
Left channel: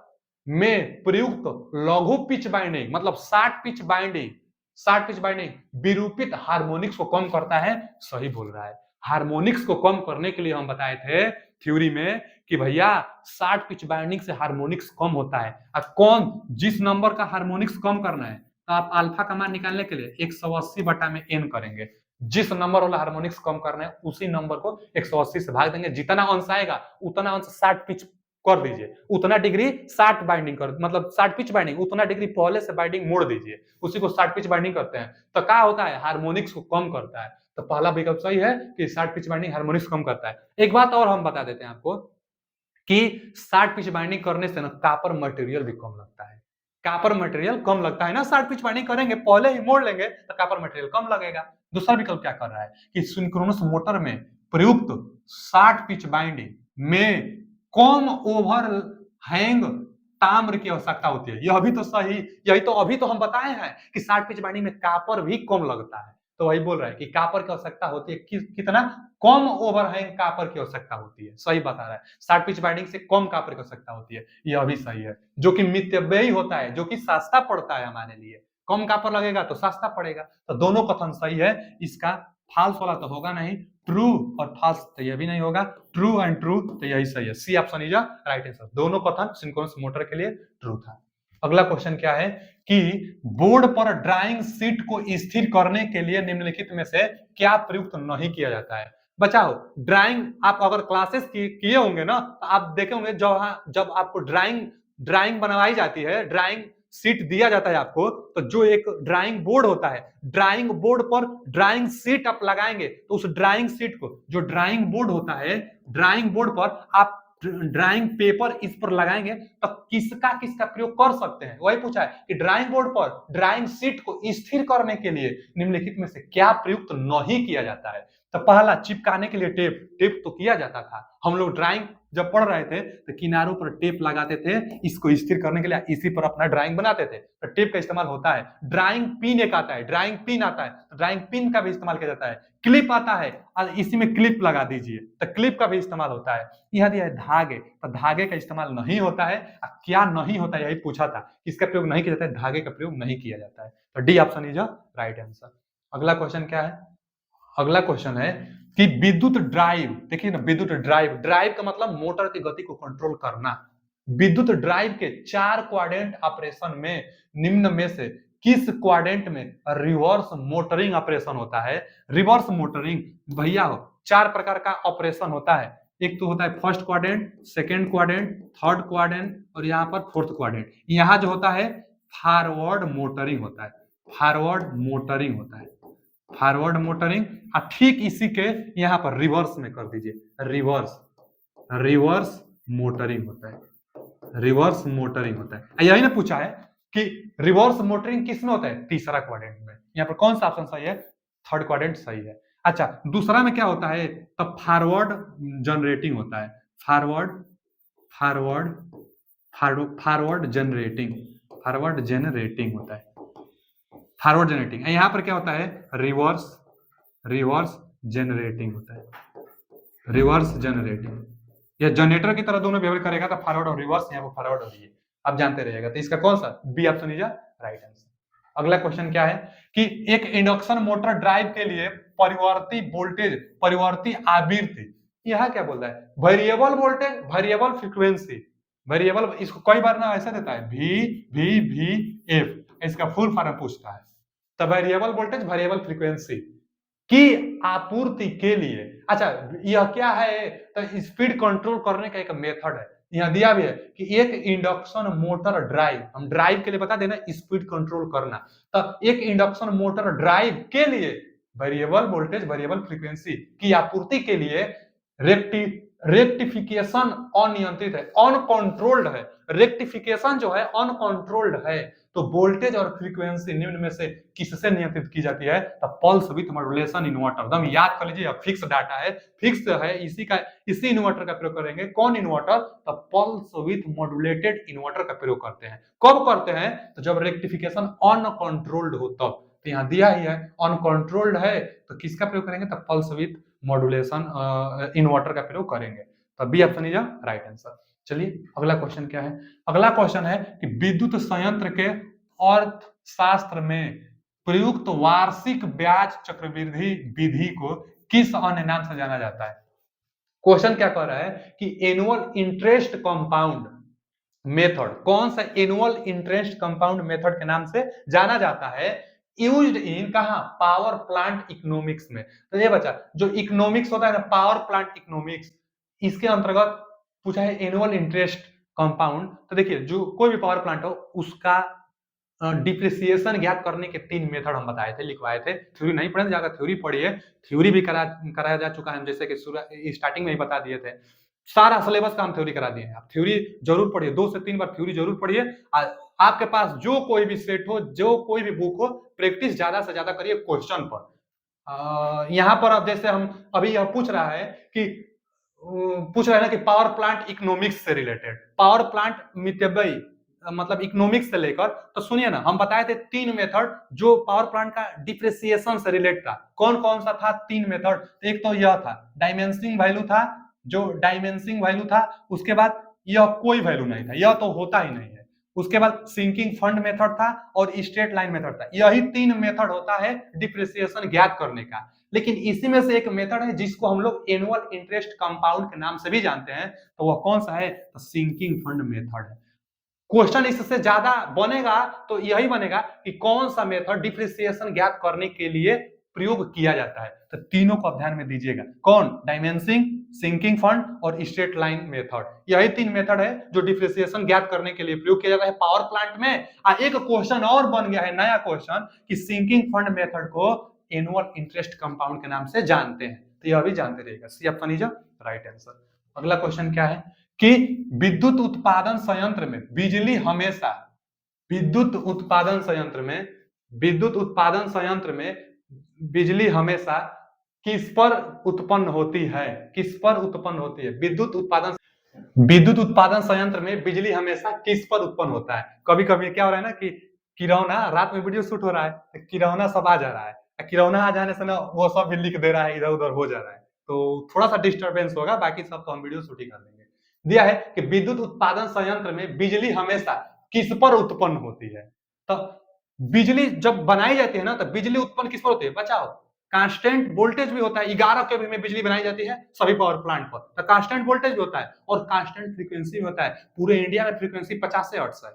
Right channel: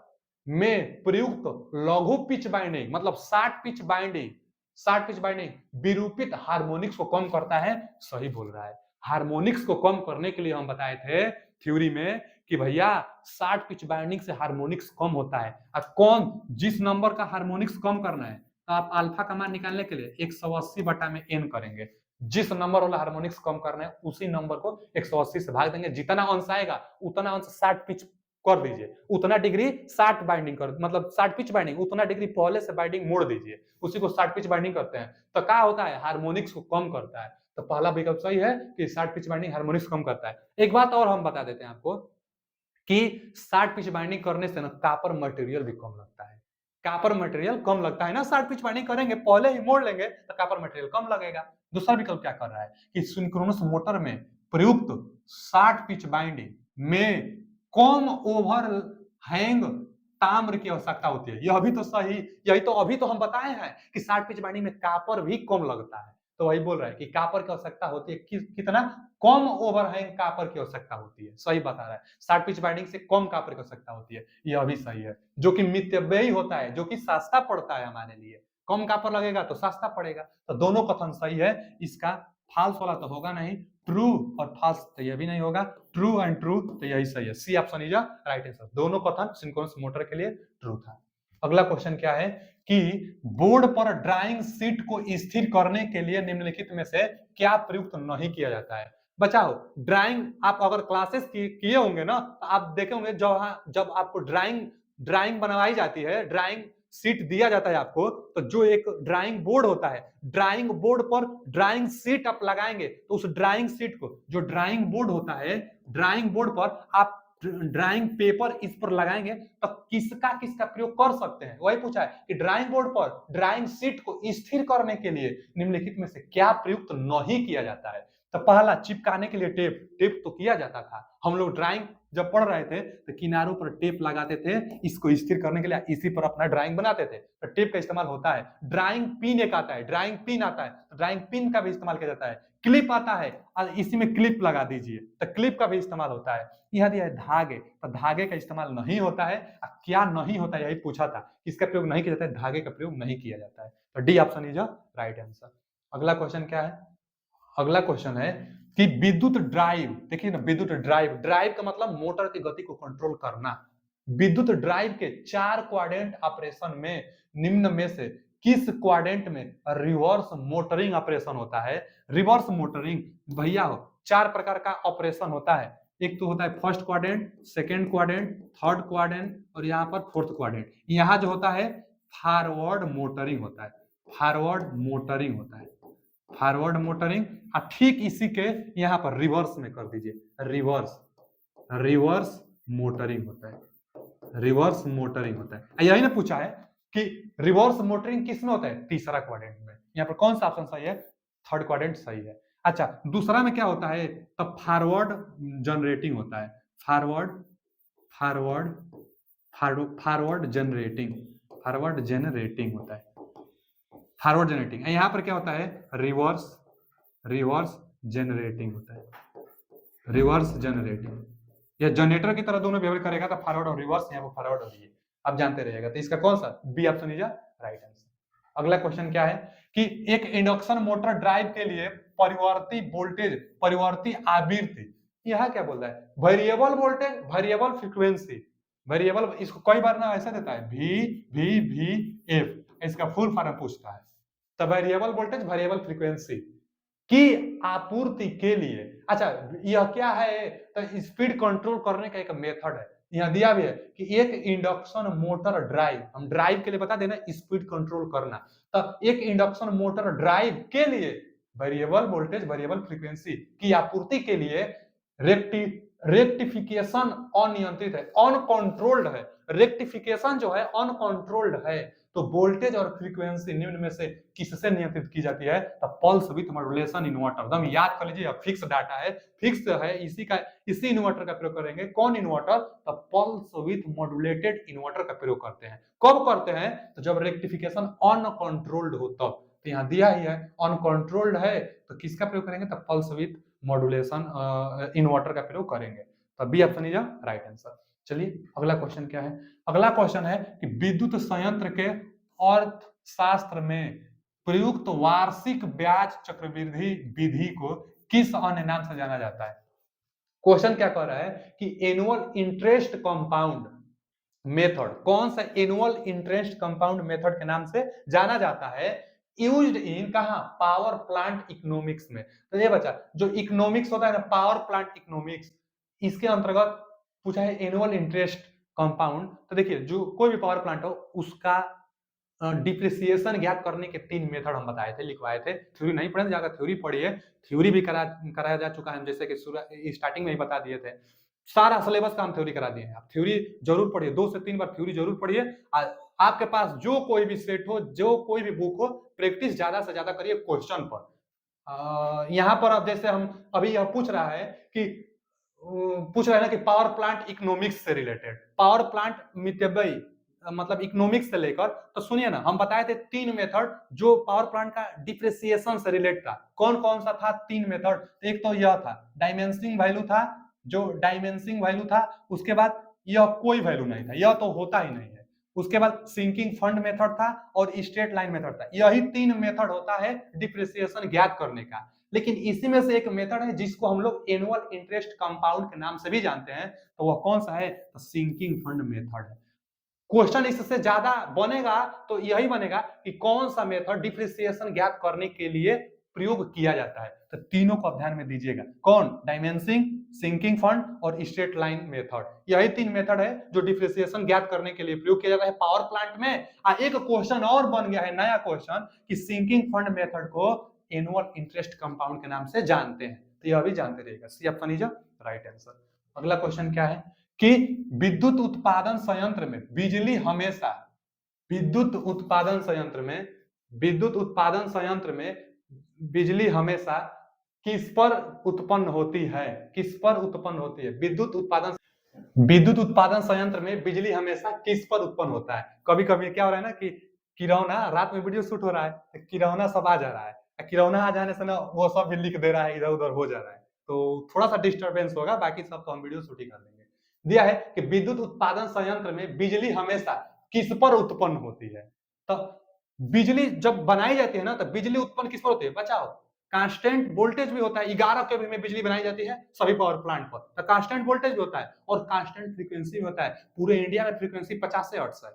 में प्रयुक्त लघु पिच बाइंडिंग, मतलब 60 पिच बाइंडिंग विरूपित हार्मोनिक्स को कम करता है, सही बोल रहा है। हार्मोनिक्स को कम करने के लिए हम बताए थे थ्योरी में कि भैया 60 पिच बाइंडिंग से हार्मोनिक्स कम होता है। अब कौन, जिस नंबर का हार्मोनिक्स कम करना है तो आप अल्फा का मान निकालने के लिए 180 बटा में n करेंगे। जिस नंबर वाला हार्मोनिक्स कम करना है उसी नंबर को 180 से भाग देंगे, जितना अंश आएगा उतना अंश 60 पिच कर दीजिए, उतना डिग्री 60 बाइंडिंग कर, मतलब 60 पिच बाइंडिंग, उतना डिग्री पहले से बाइंडिंग मोड़ दीजिए, उसी को 60 पिच बाइंडिंग करते हैं। तो क्या होता है, हार्मोनिक्स को कम करता है। तो पहला विकल्प सही है कि 60 पिच बाइंडिंग हार्मोनिक्स कम करता है। एक बात और हम बता देते हैं आपको कि 60 पिच बाइंडिंग करने से ना कॉपर मटेरियल भी कम लगता है। कॉपर मटेरियल कम लगता है ना, 60 पिच बाइंडिंग करेंगे, पहले ही मोड़ लेंगे तो कॉपर मटेरियल कम लगेगा। दूसरा विकल्प क्या कर रहा है कि सिंक्रोनस मोटर में प्रयुक्त 60 पिच बाइंडिंग में कम ओवर हैंग ताम्र की आवश्यकता होती है। यह भी तो सही, यही तो अभी तो हम बताए हैं कि 60 पिच बाइंडिंग में कॉपर भी कम लगता है। तो वही बोल रहा है कि कॉपर की आवश्यकता होती है, कितना कम ओवरहैंग कॉपर की आवश्यकता होती है, सही बता रहा है। 60 पिच बाइंडिंग से कम कॉपर की आवश्यकता होती है, यह भी सही है, जो कि मितव्ययी होता है, जो कि सस्ता पड़ता है हमारे लिए। कम कॉपर लगेगा तो सस्ता पड़ेगा, तो दोनों कथन सही है। इसका फाल्स वाला तो होगा नहीं, ट्रू और फाल्स तो यह भी नहीं होगा, ट्रू एंड ट्रू तो यही सही है, C option is right answer. दोनों कथन सिंक्रोनस मोटर के लिए ट्रू था। अगला क्वेश्चन क्या है कि बोर्ड पर ड्राइंग शीट को स्थिर करने के लिए निम्नलिखित में से क्या प्रयुक्त नहीं किया जाता है। बचाओ, ड्राइंग आप अगर क्लासेस किए होंगे ना तो आप देखे होंगे जब आपको ड्राइंग बनवाई जाती है, ड्राइंग शीट दिया जाता है आपको, तो जो एक ड्राइंग बोर्ड होता है, ड्राइंग बोर्ड पर ड्राइंग शीट आप लगाएंगे तो उस ड्राइंग शीट को, जो ड्राइंग बोर्ड होता है, ड्राइंग बोर्ड पर आप ड्राइंग पेपर इस पर लगाएंगे तो किसका किसका प्रयोग कर सकते हैं, वही पूछा है कि ड्राइंग बोर्ड पर ड्राइंग शीट को स्थिर करने के लिए निम्नलिखित में से क्या प्रयुक्त नहीं किया जाता है। तो पहला, चिपकाने के लिए टेप, टेप तो किया जाता था, हम लोग ड्राइंग जब पढ़ रहे थे तो किनारों पर टेप लगाते थे इसको स्थिर करने के लिए, इसी पर अपना ड्राइंग बनाते थे, तो टेप का इस्तेमाल होता है। ड्राइंग पिन एक आता है, ड्राइंग पिन आता है, तो ड्राइंग पिन का भी इस्तेमाल किया जाता है। क्लिप आता है और इसी में क्लिप लगा दीजिए, तो क्लिप का भी इस्तेमाल होता है। यह दिया है धागे, तो धागे का इस्तेमाल नहीं होता है। क्या नहीं होता है यही पूछा था, इसका प्रयोग नहीं किया जाता है, धागे का प्रयोग नहीं किया जाता है। तो D option is right answer. अगला क्वेश्चन क्या है, अगला क्वेश्चन है कि विद्युत ड्राइव, देखिए ना, विद्युत ड्राइव, ड्राइव का मतलब मोटर की गति को कंट्रोल करना। विद्युत ड्राइव के 4 क्वाड्रेंट ऑपरेशन में निम्न में से किस क्वाड्रेंट में रिवर्स मोटरिंग ऑपरेशन होता है। रिवर्स मोटरिंग भैया हो 4 प्रकार का ऑपरेशन होता है, एक तो होता है first quadrant, second quadrant, third quadrant और यहाँ पर फोर्थ क्वाड्रेंट। यहाँ जो होता है फॉरवर्ड मोटरिंग होता है, फॉरवर्ड मोटरिंग होता है, फॉरवर्ड मोटरिंग। ठीक इसी के यहाँ पर रिवर्स में कर दीजिए, रिवर्स, रिवर्स मोटरिंग होता है, रिवर्स मोटरिंग होता है। यही ना पूछा है कि रिवर्स मोटरिंग किस में होता है, तीसरा क्वाड्रेंट में। यहाँ पर कौन सा ऑप्शन सही है, थर्ड क्वाड्रेंट सही है। अच्छा, दूसरा में क्या होता है, तब फॉरवर्ड जनरेटिंग होता है, forward, forward, forward generating, forward generating होता है, फॉरवर्ड जनरेटिंग। यहाँ पर क्या होता है, रिवर्स, रिवर्स जनरेटिंग होता है, रिवर्स जनरेटिंग। या जनरेटर की तरह दोनों बिहेव करेगा तो फॉरवर्ड और रिवर्स, यहाँ पर फॉरवर्ड और ये आप जानते रहिएगा। तो इसका कौन सा, B option is right answer. अगला क्वेश्चन क्या है कि एक इंडक्शन मोटर ड्राइव के लिए परिवर्ती वोल्टेज, परिवर्ती आवृत्ति, यह क्या बोल रहा है, variable voltage, variable frequency, variable, इसको कई बार ना ऐसा देता है वी, इसका फुल फॉर्म पूछता है। तो वेरिएबल वोल्टेज, वेरिएबल फ्रीक्वेंसी की आपूर्ति के लिए, अच्छा यह क्या है, तो स्पीड कंट्रोल करने का एक मेथड है। यहां दिया भी है कि एक इंडक्शन मोटर ड्राइव, हम ड्राइव के लिए बता देना स्पीड कंट्रोल करना, तो एक इंडक्शन मोटर ड्राइव के लिए वेरिएबल वोल्टेज, वेरिएबल फ्रीक्वेंसी की आपूर्ति के लिए रेक्टिफिकेशन अनियंत्रित है, अनकंट्रोल्ड है। रेक्टिफिकेशन जो है अनकंट्रोल्ड है, तो वोल्टेज और फ्रीक्वेंसी निम्न में से किससे नियंत्रित की जाती है, तो पल्स विथ मॉड्यूलेशन इन्वर्टर। एकदम याद कर लीजिए, फिक्स डाटा है, फिक्स है, इसी इन्वर्टर का प्रयोग करेंगे। कौन इन्वर्टर, तो पल्स विथ मॉड्यूलेटेड इन्वर्टर का प्रयोग करते हैं। कब करते हैं, तो जब रेक्टिफिकेशन अनकंट्रोल्ड हो तब। तो यहाँ दिया ही है अनकंट्रोल्ड है, तो किसका प्रयोग करेंगे, तो पल्स विथ मॉड्यूलेशन इन्वर्टर का प्रयोग करेंगे। तो B option is right answer. चलिए अगला क्वेश्चन क्या है, अगला क्वेश्चन है कि विद्युत संयंत्र के अर्थशास्त्र में प्रयुक्त वार्षिक ब्याज चक्रवृद्धि विधि को किस अन्य नाम से जाना जाता है। क्वेश्चन क्या कह रहा है कि एनुअल इंटरेस्ट कंपाउंड मेथड, कौन सा एनुअल इंटरेस्ट कंपाउंड मेथड के नाम से जाना जाता है, यूज्ड इन कहा, पावर प्लांट इकोनॉमिक्स में। तो ये बच्चा जो इकोनॉमिक्स होता है ना, पावर प्लांट इकोनॉमिक्स, इसके अंतर्गत पूछा है एनुअल इंटरेस्ट कंपाउंड। तो देखिए जो कोई भी पावर प्लांट हो उसका डिप्रिसिएशन ज्ञात करने के 3 मेथड हम बताए थे, लिखवाए थे। थ्योरी नहीं पढ़े जाकर थ्योरी पढ़िए, थ्योरी भी कराया जा चुका है, जैसे कि स्टार्टिंग में ही बता दिए थे। सारा सिलेबस का हम थ्योरी करा दिए हैं, आप थ्योरी जरूर पढ़िए, 2 से 3 बार थ्योरी जरूर पढ़िए। आपके पास जो कोई भी सेट हो, जो कोई भी बुक हो, प्रैक्टिस ज्यादा से ज्यादा करिए क्वेश्चन पर। यहाँ पर अब जैसे हम अभी यह पूछ रहा है कि पूछ रहे हैं कि पावर प्लांट इकोनॉमिक्स से रिलेटेड, पावर प्लांट मितव्ययी मतलब इकोनॉमिक्स से लेकर, तो सुनिए ना, हम बताए थे 3 मेथड जो पावर प्लांट का डिप्रिसिएशन से रिलेट था। कौन कौन सा था 3 मेथड, एक तो यह था डायमेंसिंग वैल्यू था, जो डायमेंसिंग वैल्यू था, उसके बाद यह कोई वैल्यू नहीं था, यह तो होता ही नहीं है, उसके बाद सिंकिंग फंड मेथड था और स्ट्रेट लाइन मेथड था। यही 3 मेथड होता है डिप्रिसिएशन ज्ञात करने का। लेकिन इसी में से एक मेथड है जिसको हम लोग एनुअल इंटरेस्ट कंपाउंड के नाम से भी जानते हैं, तो वह कौन सा है, तो सिंकिंग फंड मेथड है। क्वेश्चन इससे ज्यादा बनेगा तो यही बनेगा कि कौन सा मेथड डिप्रिसिएशन ज्ञात करने के लिए प्रयोग किया जाता है। तो तीनों को ध्यान में दीजिएगा, कौन, डायमेंसिंग, सिंकिंग फंड और स्ट्रेट लाइन मेथड। यही 3 मेथड है जो डिप्रिसिएशन ज्ञात करने के लिए प्रयोग किया जाता है पावर प्लांट में। एक क्वेश्चन और बन गया है, नया क्वेश्चन, कि सिंकिंग फंड मेथड को एनुअल इंटरेस्ट कंपाउंड के नाम से जानते हैं, तो यह भी जानते रहिएगा। C option is right answer. अगला क्वेश्चन क्या है कि विद्युत उत्पादन संयंत्र में बिजली हमेशा विद्युत उत्पादन संयंत्र में विद्युत उत्पादन संयंत्र में बिजली हमेशा किस पर उत्पन्न होती है? किस पर उत्पन्न होती है? विद्युत उत्पादन संयंत्र में बिजली हमेशा किस पर उत्पन्न होता है? कभी कभी क्या हो रहा है ना कि किरौना, रात में वीडियो शूट हो रहा है, किरौना सब आ जा रहा है, किरौना आ जाने से ना वो सब भी लिख दे रहा है, इधर उधर हो जा रहा है, तो थोड़ा सा डिस्टरबेंस होगा, बाकी सब तो हम वीडियो शूट ही कर देंगे। दिया है कि विद्युत उत्पादन संयंत्र में बिजली हमेशा किस पर उत्पन्न होती है? तो बिजली जब बनाई जाती है ना, तो बिजली उत्पन्न किस पर होती है? बचाओ, कांस्टेंट वोल्टेज भी होता है। 11 केवी में बिजली बनाई जाती है सभी पावर प्लांट पर, तो कांस्टेंट वोल्टेज भी होता है और कांस्टेंट फ्रीक्वेंसी भी होता है। पूरे इंडिया में फ्रीक्वेंसी 50 हर्ट्ज है।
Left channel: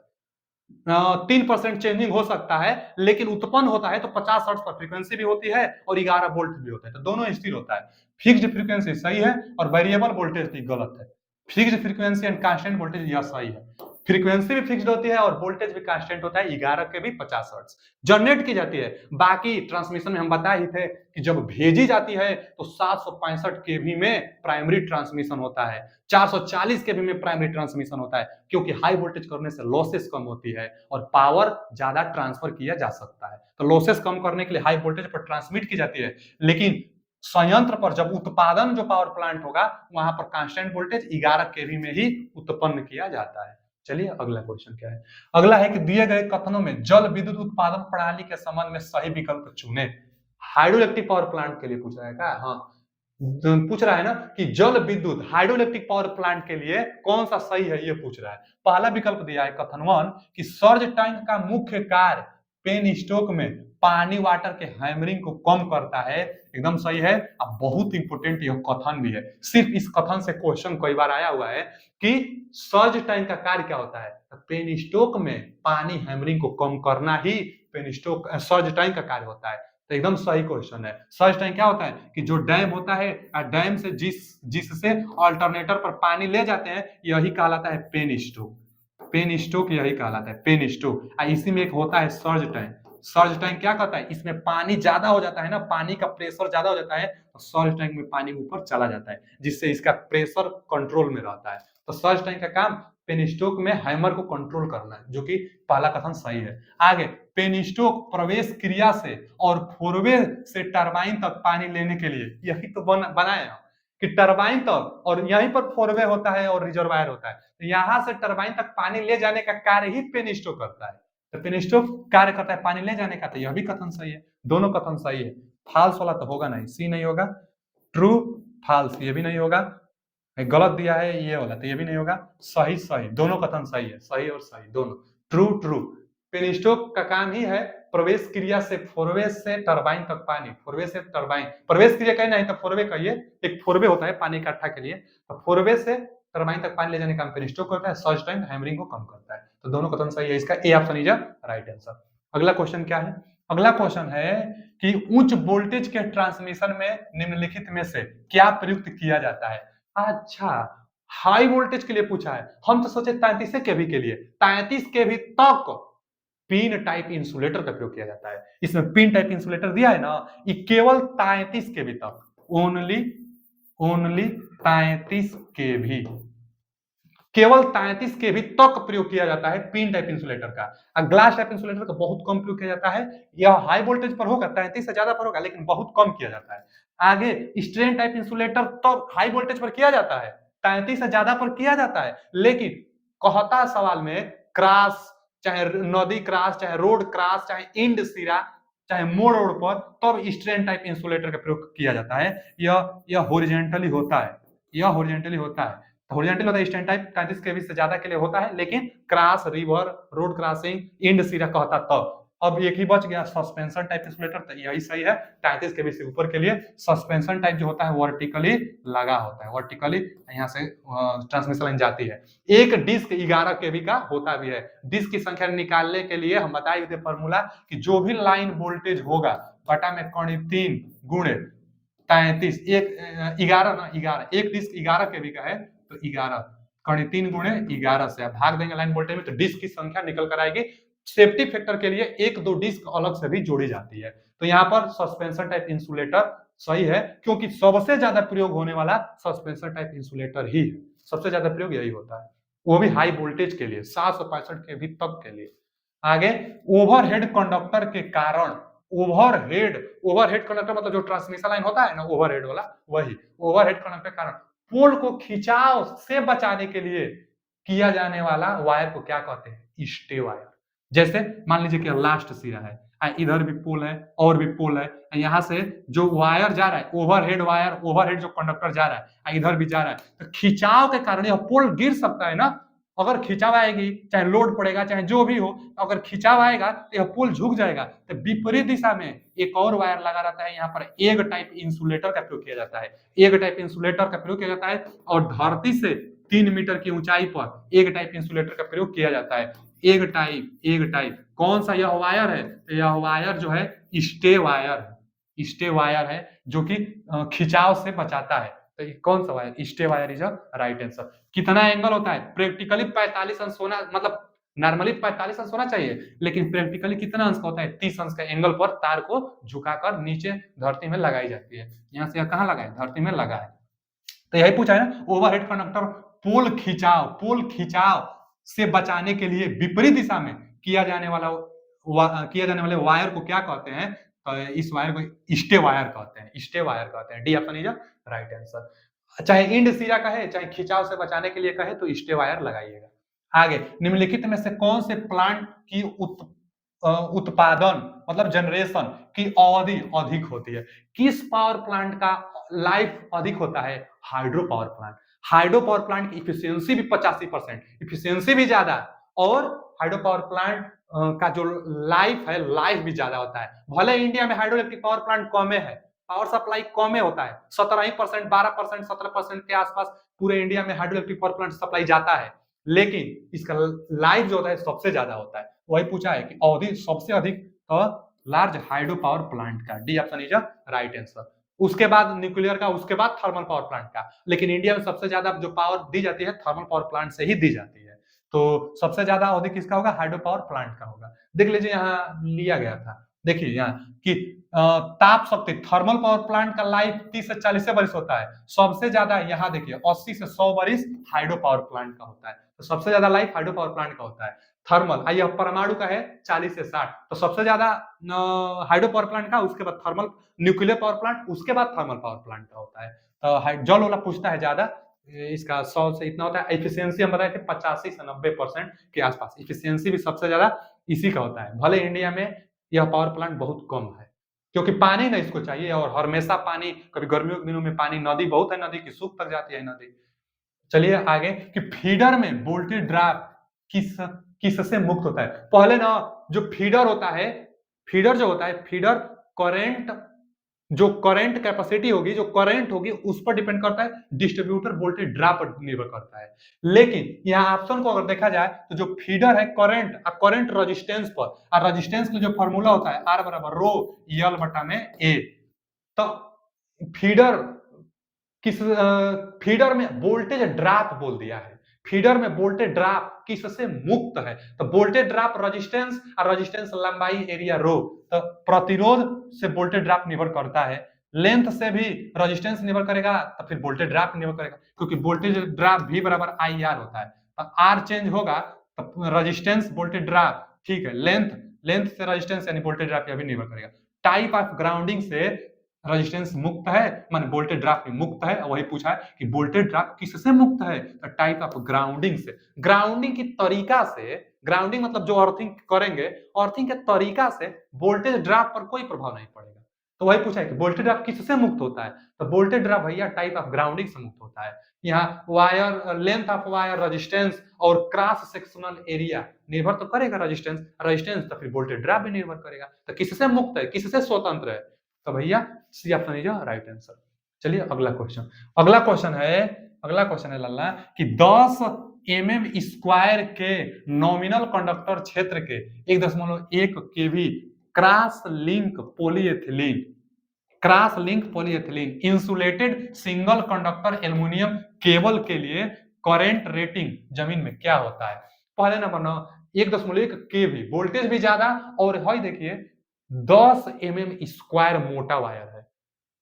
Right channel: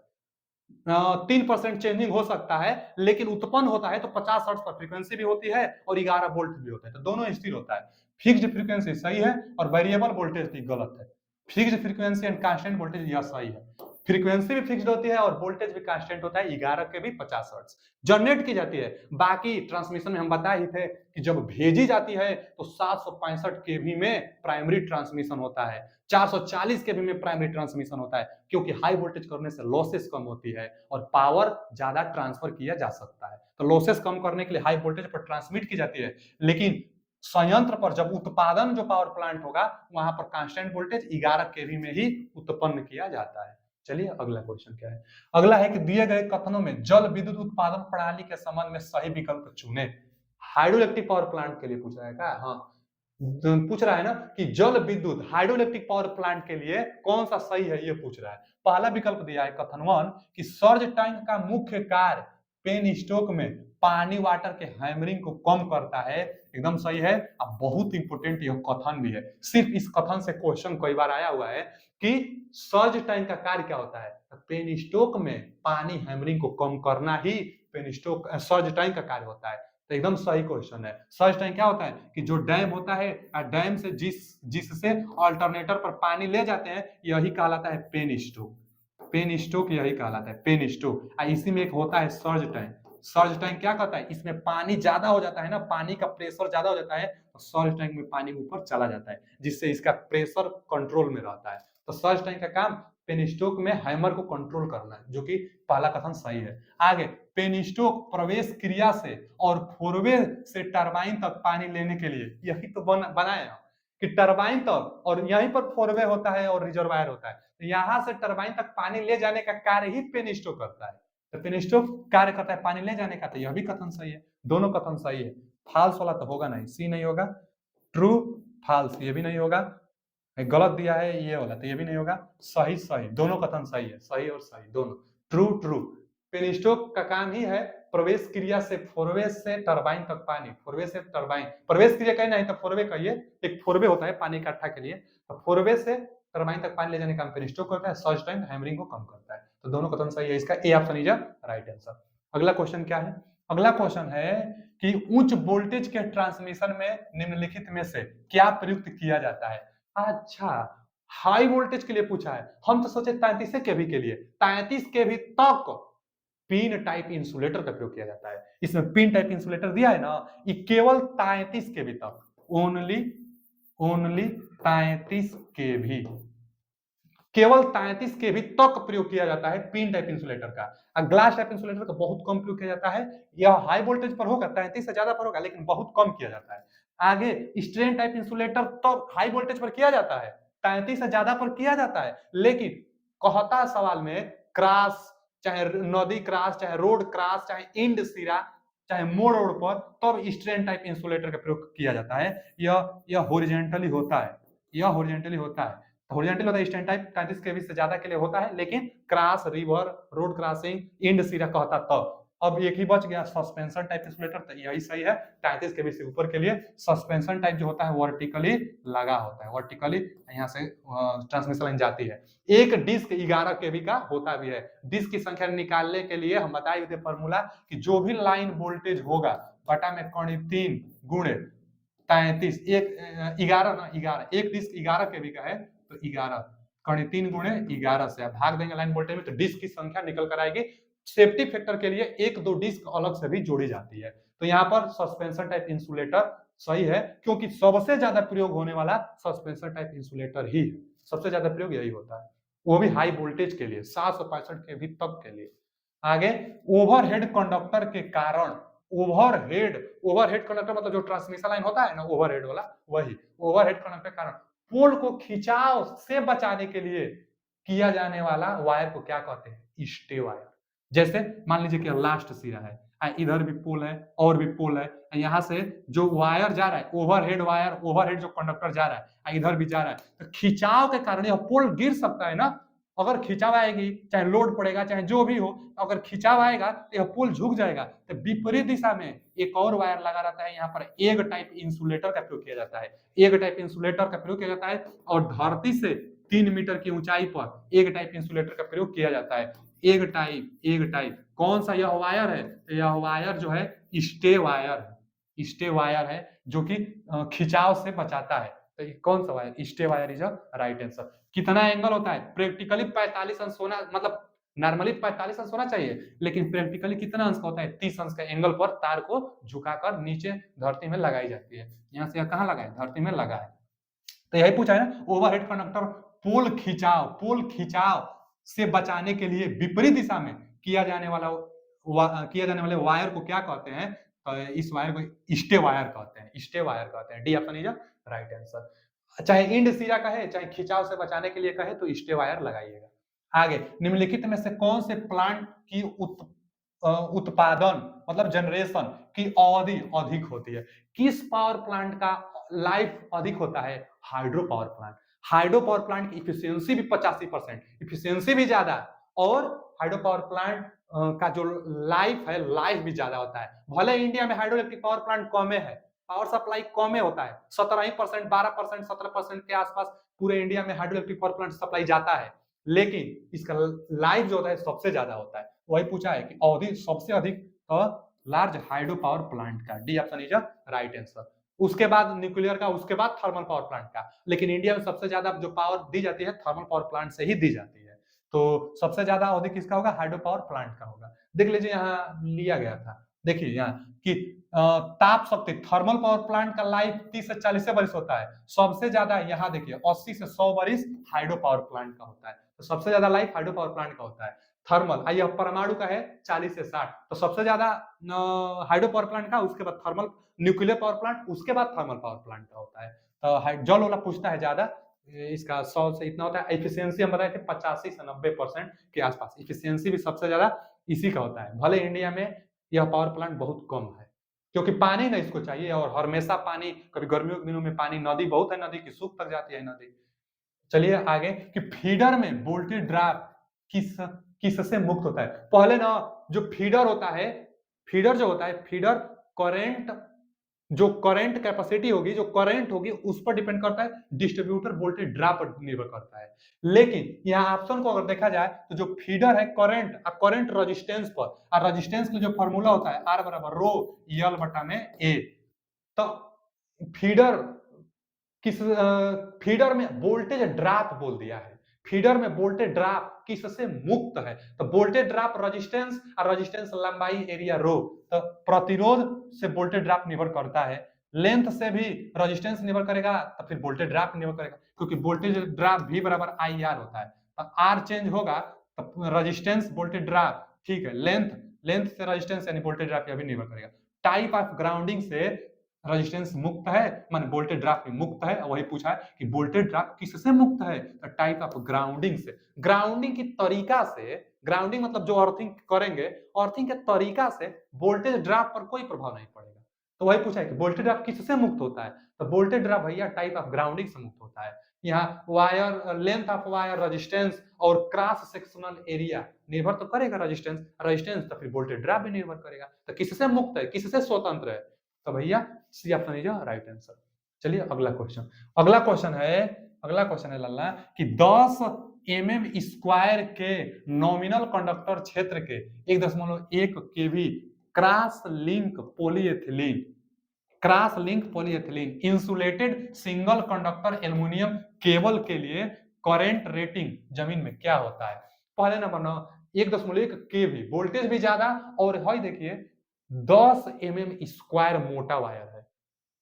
3% चेंजिंग हो सकता है, लेकिन उत्पन्न होता है तो 50 हर्ट्ज पर फ्रीक्वेंसी भी होती है और 11 वोल्ट भी होता है, तो दोनों स्थिर होता है। फिक्स्ड फ्रीक्वेंसी सही है और वेरिएबल वोल्टेज भी गलत है। Fixed frequency and constant voltage यह सही है। फ्रीक्वेंसी भी फिक्स्ड होती है और वोल्टेज भी कांस्टेंट होता है, 11 के भी 50 हर्ट्ज जनरेट की जाती है। बाकी ट्रांसमिशन में हम बताए ही थे कि जब भेजी जाती है तो 765 केवी में प्राइमरी ट्रांसमिशन होता है, 440 केवी में प्राइमरी ट्रांसमिशन होता है, क्योंकि हाई वोल्टेज करने से लॉसेस कम होती है और पावर ज्यादा ट्रांसफर किया जा सकता है। तो लॉसेस कम करने के लिए हाई वोल्टेज पर ट्रांसमिट की जाती है, लेकिन संयंत्र पर जब उत्पादन जो पावर प्लांट होगा वहां पर कांस्टेंट वोल्टेज 11 केवी में ही उत्पन्न किया जाता है। चलिए अगला क्वेश्चन क्या है? अगला है कि दिए गए कथनों में जल विद्युत उत्पादन प्रणाली के संबंध में सही विकल्प चुने। हाइड्रोइलेक्ट्रिक पावर प्लांट के लिए पूछ रहा है क्या? हाँ, पूछ रहा है ना कि जल विद्युत हाइड्रोइलेक्ट्रिक पावर प्लांट के लिए कौन सा सही है, ये पूछ रहा है। पहला विकल्प दिया है कथन 1 कि सर्ज टैंक का मुख्य कार्य पेन स्टोक में पानी वाटर के हैमरिंग को कम करता है, एकदम सही है। अब बहुत इंपोर्टेंट यह कथन भी है, सिर्फ इस कथन से क्वेश्चन कई बार आया हुआ है कि सर्ज टैंक का कार्य क्या होता है? पेन स्टोक में पानी हैमरिंग को कम करना ही पेन स्टोक सर्ज टैंक का कार्य होता है, तो एकदम सही क्वेश्चन है। सर्ज टैंक क्या होता है कि जो डैम होता है, डैम से जिससे अल्टरनेटर पर पानी ले जाते हैं, यही कहलाता है पेन स्टोक। पेन स्टोक यही कहलाता है, पेन स्टोक। इसी में एक होता है सर्ज टैंक। सर्ज टैंक क्या कहता है? इसमें पानी ज्यादा हो जाता है ना, पानी का प्रेशर ज्यादा हो जाता है, तो सर्ज टैंक में पानी ऊपर चला जाता है, जिससे इसका प्रेशर कंट्रोल में रहता है। तो सर्ज टैंक का काम पेन स्टोक में हैमर को कंट्रोल करना है, जो कि पहला कथन सही है। आगे, पेन स्टोक प्रवेश क्रिया से और फोरवे से टरबाइन तक पानी लेने के लिए, यही तो बनाया कि टरबाइन तक, और यहीं पर फोरवे होता है और रिजर्वायर होता है, तो यहां से टरबाइन तक पानी ले जाने का कार्य ही पेन स्टोक करता है। तो पेन स्टोक कार्य करता है पानी ले जाने का, तो यह भी कथन सही है। दोनों कथन सही है। फाल्स वाला तो होगा नहीं, सी नहीं होगा। ट्रू फाल्स ये भी नहीं होगा। गलत दिया है ये वाला, तो ये भी नहीं होगा। सही सही, दोनों कथन सही है, सही और सही दोनों। True true. पेन स्टोक का काम ही है प्रवेश क्रिया से फोरवे से टरबाइन तक पानी, फोरवे से टरबाइन, प्रवेश क्रिया कहीं नहीं तो फोरवे कहिए, एक फोरवे होता है पानी इकट्ठा के लिए, तो फोरवे से टरबाइन तक पानी ले जाने का काम पेन स्टोक करता है, सर्ज टाइम हैमरिंग को कम करता है। तो दोनों कथन सही है, इसका A option is right answer. अगला क्वेश्चन क्या है? अगला क्वेश्चन है कि उच्च वोल्टेज के ट्रांसमिशन में निम्नलिखित में से क्या प्रयुक्त किया जाता है? अच्छा, हाई वोल्टेज के लिए पूछा है, हम तो सोचे 33 केवी के लिए, 33 केवी तक पिन टाइप इंसुलेटर का प्रयोग किया जाता है। इसमें पिन टाइप इंसुलेटर दिया है ना, ये केवल 33 केवी तक, ओनली 33 केवी, केवल 33 केवी तक प्रयोग किया जाता है पिन टाइप इंसुलेटर का। ग्लास टाइप इंसुलेटर का बहुत कम प्रयोग किया जाता है। यह हाई वोल्टेज पर होगा, 33 से ज्यादा पर होगा, लेकिन बहुत कम किया जाता है। आगे स्ट्रेन टाइप इंसुलेटर तो हाई वोल्टेज पर किया जाता है, 33 से ज्यादा पर किया जाता है, लेकिन कहता सवाल में क्रॉस, चाहे नदी क्रॉस, चाहे रोड क्रॉस, चाहे इंड सिरा, चाहे मोड़ रोड पर, तब स्ट्रेन टाइप इंसुलेटर का प्रयोग किया जाता है। यह हॉरिजॉन्टली होता है, यह हॉरिजॉन्टली होता है। हॉरिजॉन्टल होता है स्टैंड टाइप, 33 केवी से ज्यादा के लिए होता है, लेकिन cross, river, road crossing, end सिरा कहता तब। अब एक ही बच गया सस्पेंशन टाइप इंसुलेटर, तो यही सही है। 33 केवी से ऊपर के लिए सस्पेंशन टाइप जो होता है वर्टिकली लगा होता है, वर्टिकली यहाँ से ट्रांसमिशन लाइन जाती है। एक डिस्क 11 केवी का होता भी है। डिस्क की संख्या निकालने के लिए हम बताए थे फॉर्मूला कि जो भी लाइन वोल्टेज होगा बटा में कड़ी 3 गुणे 33, एक 11 ना, 11, एक डिस्क 11 केवी का है तो 11 कड़ी 3 गुणे 11 से भाग देंगे लाइन वोल्टेज में, तो डिस्क की संख्या निकल कर आएगी। सेफ्टी फैक्टर के लिए एक दो डिस्क अलग से भी जोड़ी जाती है। तो यहाँ पर सस्पेंशन टाइप इंसुलेटर सही है, क्योंकि सबसे ज्यादा प्रयोग होने वाला सस्पेंशन टाइप इंसुलेटर ही है। सबसे ज्यादा प्रयोग यही होता है, वो भी हाई वोल्टेज के लिए 765 केवी तक के लिए। आगे, ओवरहेड कंडक्टर के कारण, ओवरहेड ओवरहेड कंडक्टर मतलब जो ट्रांसमिशन लाइन होता है ना ओवरहेड वाला, वही ओवरहेड कंडक्टर के कारण पोल को खिंचाव से बचाने के लिए किया जाने वाला वायर को क्या कहते हैं? Stay wire. जैसे मान लीजिए कि लास्ट सिरा है, इधर भी पोल है और भी पोल है, यहाँ से जो वायर जा रहा है ओवरहेड वायर, ओवरहेड जो कंडक्टर जा रहा है इधर भी जा रहा है, तो खिंचाव के कारण यह पोल गिर सकता है ना। अगर खिंचाव आएगी, चाहे लोड पड़ेगा चाहे जो भी हो, अगर खिंचाव आएगा तो यह पोल झुक जाएगा। तो विपरीत दिशा में एक और वायर लगा रहता है, यहाँ पर एग टाइप इंसुलेटर का प्रयोग किया जाता है। एग टाइप इंसुलेटर का प्रयोग किया जाता है और धरती से 3 मीटर की ऊंचाई पर एग टाइप इंसुलेटर का प्रयोग किया जाता है। एग टाइप कौन सा यह वायर है? यह वायर जो है स्टे वायर है, स्टे वायर है जो कि खिंचाव से बचाता है। तो कौन सा wire? Stay wire is a right answer. कितना एंगल होता है? प्रैक्टिकली 45 अंश होना, मतलब नॉर्मली 45 अंश होना चाहिए, लेकिन प्रैक्टिकली कितना अंश होता है? 30 अंश का एंगल पर तार को झुकाकर नीचे धरती में लगाई जाती है। यहाँ से कहाँ लगा है? धरती में लगा है। तो यही पूछा है ना, ओवरहेड कंडक्टर पोल खिंचाव से बचाने के लिए विपरीत दिशा में किया जाने वाले वायर को क्या कहते हैं? तो इस वायर को स्टे वायर कहते हैं, स्टे वायर कहते हैं। D option is right answer. चाहे इंड सिरा कहे चाहे खिंचाव से बचाने के लिए कहे तो स्टे वायर लगाइएगा। आगे, निम्नलिखित में से कौन से प्लांट की उत्पादन मतलब जनरेशन की अवधि अधिक होती है? किस पावर प्लांट का लाइफ अधिक होता है? Hydro power plant. Hydro power plant की इफिशियंसी भी 85%, इफिशियंसी भी ज्यादा, और हाइड्रो पावर प्लांट का जो लाइफ है, लाइफ भी ज्यादा होता है। भले इंडिया में हाइड्रो इलेक्ट्रिक पावर प्लांट कमे है, पावर सप्लाई कमे होता है, 17%, 12%, 17% के आसपास पूरे इंडिया में hydro electric power plant supply जाता है, लेकिन इसका लाइफ जो होता है सबसे ज्यादा होता है। वही पूछा है कि अवधि सबसे अधिक लार्ज हाइड्रो पावर प्लांट का। D option is right answer. उसके बाद न्यूक्लियर का, उसके बाद थर्मल पावर प्लांट का, लेकिन इंडिया में सबसे ज्यादा जो पावर दी जाती है थर्मल पावर प्लांट से ही दी जाती है। तो सबसे ज्यादा अवधि किसका होगा? हाइड्रो पावर प्लांट का होगा। देख लीजिए यहाँ लिया गया था, देखिए यहाँ कि ताप शक्ति थर्मल पावर प्लांट का लाइफ 30 से 40 वर्ष होता है। सबसे ज्यादा यहाँ देखिए 80 से 100 वर्ष हाइड्रो पावर प्लांट का होता है। तो सबसे ज्यादा लाइफ हाइड्रो पावर प्लांट का होता है। थर्मल, आइए परमाणु का है 40 से 60, तो सबसे ज्यादा हाइड्रो पावर प्लांट का, उसके बाद थर्मल, न्यूक्लियर पावर प्लांट, उसके बाद थर्मल पावर प्लांट का होता है। तो जल वाला पूछता है ज्यादा, इसका 100 से इतना होता है। एफिशिएंसी हम बताए थे 85 से 90% के आसपास, एफिशिएंसी भी सबसे ज्यादा इसी का होता है। भले इंडिया में यह पावर प्लांट बहुत कम है, क्योंकि पानी ना इसको चाहिए, और हमेशा पानी, कभी गर्मियों के दिनों में पानी, नदी बहुत है, नदी की सूख तक जाती है नदी। चलिए आगे, कि फीडर में वोल्टेज ड्रॉप किससे मुक्त होता है? पहले ना जो फीडर होता है, फीडर जो होता है, फीडर करंट, जो करंट कैपेसिटी होगी, जो करंट होगी उस पर डिपेंड करता है, डिस्ट्रीब्यूटर वोल्टेज ड्रॉप पर निर्भर करता है। लेकिन यहाँ ऑप्शन को अगर देखा जाए तो जो फीडर है करंट, करंट रेजिस्टेंस पर, और रेजिस्टेंस का जो फॉर्मूला होता है R बराबर रो यल बटा में A। तो फीडर किस फीडर में वोल्टेज ड्रॉप बोल दिया है, फीडर में वोल्टेज ड्रॉप किससे मुक्त है? तो वोल्टेज ड्रॉप रेजिस्टेंस, और रेजिस्टेंस लंबाई एरिया रो, तो प्रतिरोध से वोल्टेज ड्रॉप निर्भर करता है, लेंथ से भी रेजिस्टेंस निर्भर करेगा, तो फिर वोल्टेज ड्रॉप निर्भर करेगा, क्योंकि वोल्टेज ड्रॉप V बराबर IR होता है। तो R चेंज होगा तो रेजिस्टेंस वोल्टेज ड्रॉप, ठीक है, लेंथ, लेंथ से रेजिस्टेंस यानी वोल्टेज ड्रॉप भी निर्भर करेगा। टाइप ऑफ ग्राउंडिंग से रेजिस्टेंस मुक्त है, मान वोल्टेज ड्रॉप भी मुक्त है। वही पूछा है कि वोल्टेज ड्रॉप किससे मुक्त है? तो टाइप ऑफ ग्राउंडिंग से। ग्राउंडिंग की तरीका से, ग्राउंडिंग मतलब जो अर्थिंग करेंगे, अर्थिंग के तरीका से वोल्टेज ड्रॉप पर कोई प्रभाव नहीं पड़ेगा। तो वही पूछा है कि वोल्टेज ड्रॉप किससे मुक्त होता है? तो वोल्टेज ड्रॉप भैया टाइप ऑफ ग्राउंडिंग से मुक्त होता है। यहाँ wire, length of wire, resistance और क्रॉस सेक्शनल एरिया निर्भर तो करेगा, रेजिस्टेंस, रेजिस्टेंस तो फिर वोल्टेज ड्रॉप भी निर्भर करेगा। तो किससे मुक्त है, किससे स्वतंत्र है? तो भैया C option is right answer. चलिए अगला क्वेश्चन, अगला क्वेश्चन है लल्ला कि 10 mm स्क्वायर के नॉमिनल कंडक्टर क्षेत्र के 1.1 kV cross link polyethylene insulated single conductor aluminium cable के लिए करंट रेटिंग जमीन में क्या होता है? पहले नंबर ना 1.1 kV, वोल्टेज भी ज्यादा, और देखिए 10 mm स्क्वायर मोटा वायर है,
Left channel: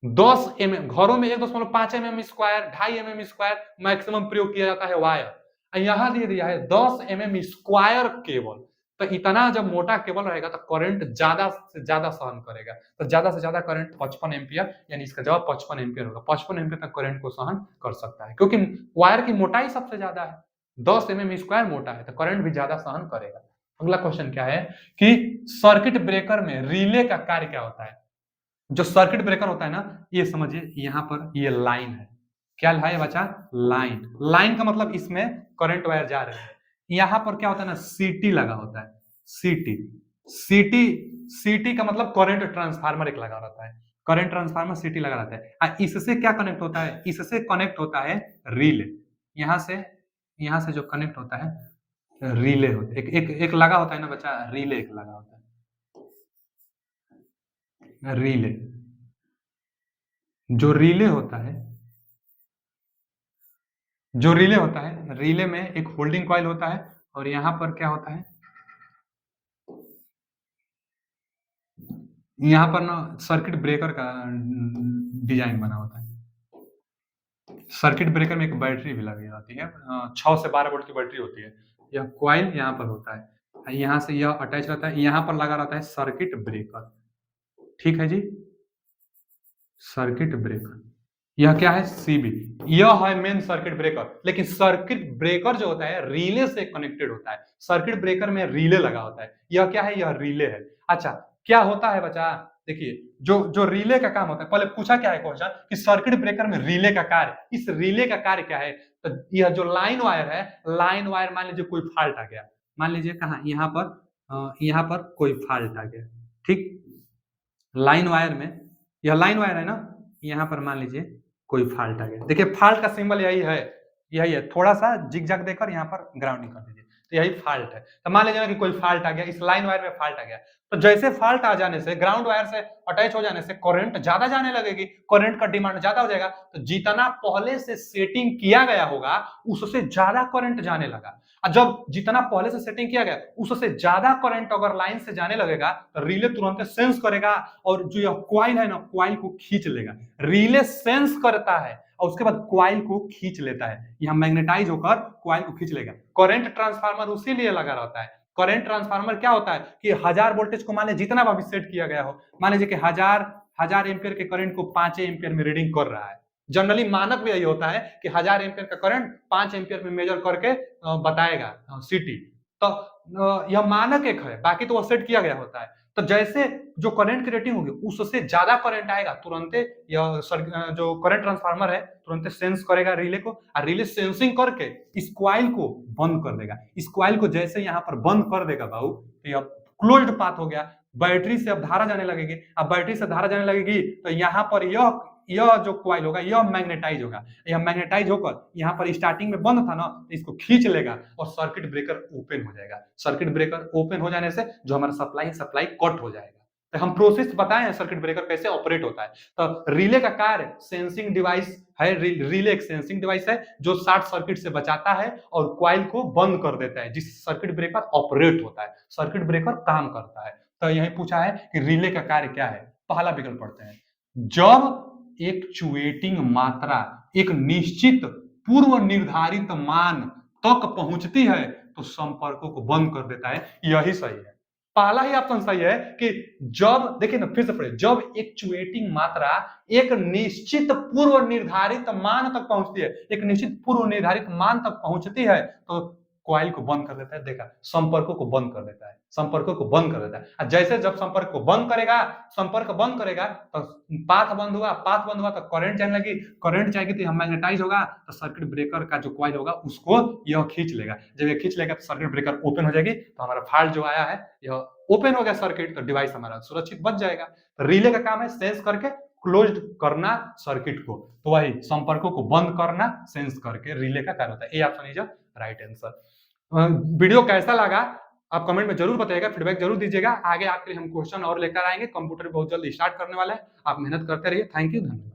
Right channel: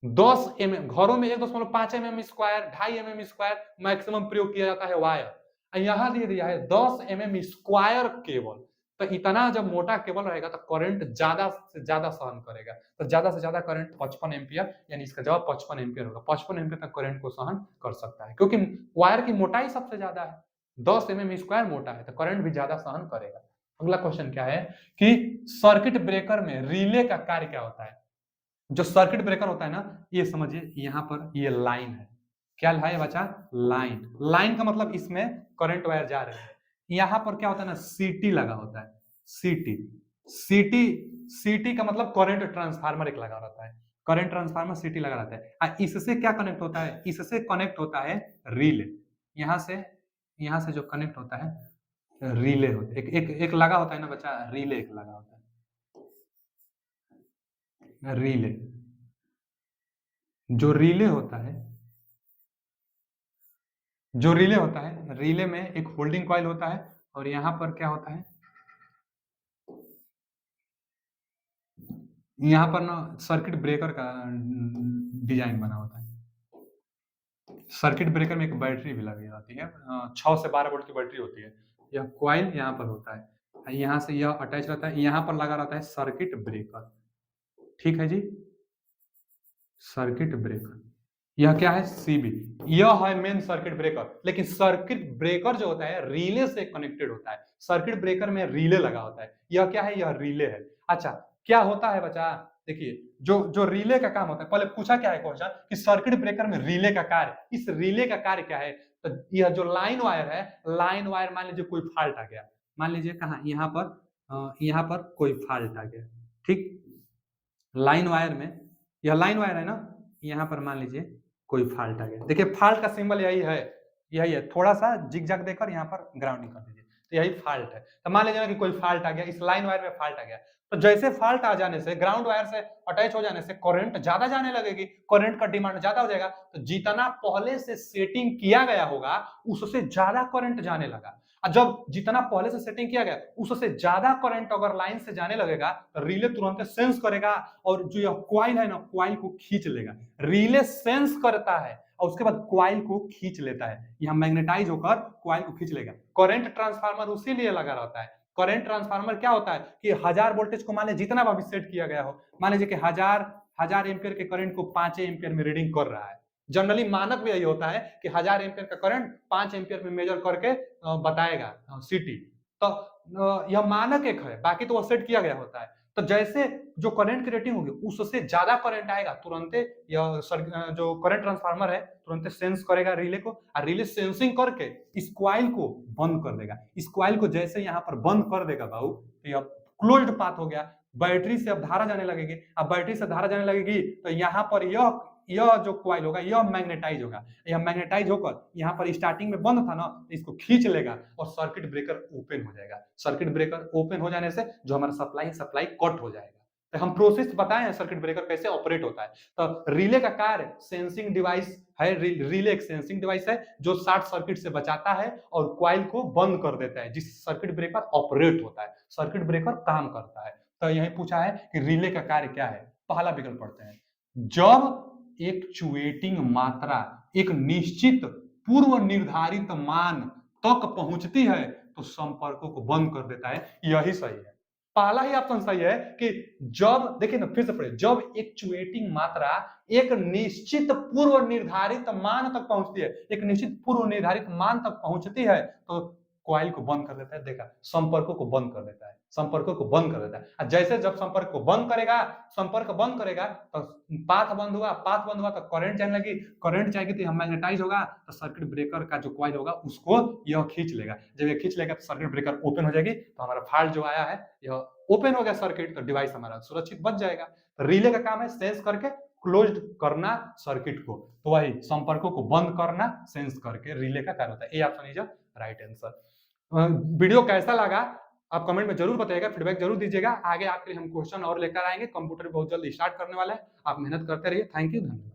10 mm, घरों में 1.5 mm square, 2.5 mm square maximum प्रयोग किया जाता है वायर। यहाँ दे दिया है 10 mm स्क्वायर केबल। तो इतना जब मोटा केबल रहेगा तो करंट ज्यादा से ज्यादा सहन करेगा। तो ज्यादा से ज्यादा करंट 55 एम्पियर, यानी इसका जवाब 55 एम्पियर होगा। 55 एम्पियर तक करंट को सहन कर सकता है, क्योंकि वायर की मोटाई सबसे ज्यादा है। 10 mm स्क्वायर मोटा है तो करंट भी ज्यादा सहन करेगा। अगला क्वेश्चन क्या है कि सर्किट ब्रेकर में रिले का कार्य क्या होता है। जो सर्किट ब्रेकर होता है ना, ये समझिए यहाँ पर ये लाइन है। क्या है बच्चा? लाइन। लाइन का मतलब इसमें करंट वायर जा रहे हैं। यहाँ पर क्या होता है ना, सीटी लगा होता है। सीटी सीटी सीटी का मतलब करंट ट्रांसफार्मर एक लगा रहता है। करंट ट्रांसफार्मर सीटी लगा रहता है। इससे क्या कनेक्ट होता है? इससे कनेक्ट होता है रिले। यहाँ से जो कनेक्ट होता है रिले होता है। एक लगा होता है ना बच्चा, रिले एक लगा होता है। रिले, जो रिले होता है, जो रिले होता है, रिले में एक होल्डिंग कॉइल होता है और यहाँ पर क्या होता है, यहाँ पर ना सर्किट ब्रेकर का डिजाइन बना होता है। सर्किट ब्रेकर में एक बैटरी भी लगी होती है, 6 से 12 वोल्ट की बैटरी होती है। यह कॉइल यहाँ पर होता है, यहाँ से यह अटैच रहता है, यहाँ पर लगा रहता है सर्किट ब्रेकर। ठीक है जी, सर्किट ब्रेकर। यह क्या है? सीबी। यह है मेन सर्किट ब्रेकर। लेकिन सर्किट ब्रेकर जो होता है रिले से कनेक्टेड होता है। सर्किट ब्रेकर में रिले लगा होता है। यह क्या है? यह रिले है। अच्छा, क्या होता है बच्चा? देखिए, जो जो रिले का काम होता है, पहले पूछा क्या है क्वेश्चन कि सर्किट ब्रेकर में रिले का कार्य, इस रिले का कार्य क्या है? तो यह जो लाइन वायर है, लाइन वायर मान लीजिए कोई फॉल्ट आ गया, मान लीजिए कहा यहाँ पर कोई फॉल्ट आ गया, ठीक। लाइन वायर में, यह लाइन वायर है ना, यहाँ पर मान लीजिए कोई फॉल्ट आ गया। देखिए फॉल्ट का सिंबल यही है, यही है। थोड़ा सा जिगजैग देकर यहाँ पर ग्राउंडिंग कर दीजिए, तो यही फॉल्ट है। तो मान लीजिए कि कोई फॉल्ट आ गया, इस लाइन वायर में फॉल्ट आ गया, तो जैसे फॉल्ट आ जाने से, ग्राउंड वायर से अटैच हो जाने से करंट ज्यादा जाने लगेगी, करंट का डिमांड ज्यादा हो जाएगा। तो जितना पहले से सेटिंग किया गया होगा उससे ज्यादा करंट जाने लगा। और जब जितना पहले से सेटिंग किया गया उससे ज्यादा करंट अगर लाइन से जाने लगेगा तो रिले तुरंत सेंस करेगा और जो यह क्वाइल है ना, क्वाइल को खींच लेगा। रिले सेंस करता है और उसके बाद क्वाइल को खींच लेता है, यह मैग्नेटाइज होकर क्वाइल को खींच लेगा। करंट ट्रांसफार्मर उसी लिए लगा रहता है। करंट ट्रांसफार्मर क्या होता है कि 1000 वोल्टेज को मान लीजिए जितना भी सेट किया गया हो, मान लीजिए कि 1000 एम्पियर के करंट को 5 एम्पियर में रीडिंग कर रहा है। जनरली मानक भी यही होता है कि 1000 एम्पियर का करंट 5 एम्पियर में मेजर करके बताएगा सीटी। तो यह मानक एक है, बाकी तो वो सेट किया गया होता है। तो जैसे जो करंट की रेटिंग होगी उससे ज्यादा करंट आएगा, तुरंत यह जो करंट ट्रांसफार्मर है तुरंत सेंस करेगा रिले को, और रिले सेंसिंग करके इस क्वाइल को बंद कर देगा। इस क्वाइल को जैसे यहाँ पर बंद कर देगा बाबू, तो यह क्लोज्ड पाथ हो गया। बैटरी से अब धारा जाने लगेगी, अब बैटरी से धारा जाने लगेगी तो यहाँ पर यह जो क्वाइल होगा यह मैग्नेटाइज होगा। यह मैग्नेटाइज होकर यहाँ पर स्टार्टिंग में बंद था ना, इसको खींच लेगा और सर्किट ब्रेकर ओपन हो जाएगा। सर्किट ब्रेकर ओपन हो जाने से जो हमारा सप्लाई कट हो जाएगा। तो हम प्रोसेस बताए हैं सर्किट ब्रेकर कैसे ऑपरेट होता है। तो रिले का कार्य सेंसिंग डिवाइस है। रिले एक सेंसिंग डिवाइस है जो शॉर्ट सर्किट से बचाता है और क्वाइल को बंद कर देता है, जिस सर्किट ब्रेकर ऑपरेट होता है, सर्किट ब्रेकर काम करता है। तो यही पूछा है कि रिले का कार्य क्या है। पहला विकल्प पढ़ते हैं। जब एक्चुएटिंग मात्रा एक निश्चित पूर्व निर्धारित मान तक पहुंचती है तो संपर्कों को बंद कर देता है। यही सही है, पहला ही ऑप्शन सही है कि जब, देखिए ना फिर से पढ़िए, जब एक्चुएटिंग मात्रा एक निश्चित पूर्व निर्धारित मान तक पहुंचती है, एक निश्चित पूर्व निर्धारित मान तक पहुंचती है तो क्वाइल को बंद कर देता है। देखा, संपर्कों को बंद कर देता है, संपर्कों को बंद कर देता है। जैसे जब संपर्क को बंद करेगा, संपर्क बंद करेगा तो पाथ बंद हुआ, पाथ बंद हुआ तो करंट जाने लगी, करंट जाएगी तो यह मैग्नेटाइज होगा, तो सर्किट ब्रेकर का जो क्वाइल होगा उसको यह खींच लेगा। जब ये खींच लेगा तो सर्किट ब्रेकर ओपन हो जाएगी, तो हमारा फॉल्ट जो आया है यह ओपन हो गया सर्किट, तो डिवाइस हमारा सुरक्षित बच जाएगा। तो रिले का काम है सेंस करके क्लोज्ड करना सर्किट को, तो वही संपर्कों को बंद करना सेंस करके रिले का कार्य होता है। A option is right answer. Video कैसा लगा आप कमेंट में जरूर बताइएगा, फीडबैक जरूर दीजिएगा। आगे आपके लिए हम क्वेश्चन और लेकर आएंगे, कंप्यूटर बहुत जल्द स्टार्ट करने वाला है, आप मेहनत करते रहिए। थैंक यू, धन्यवाद।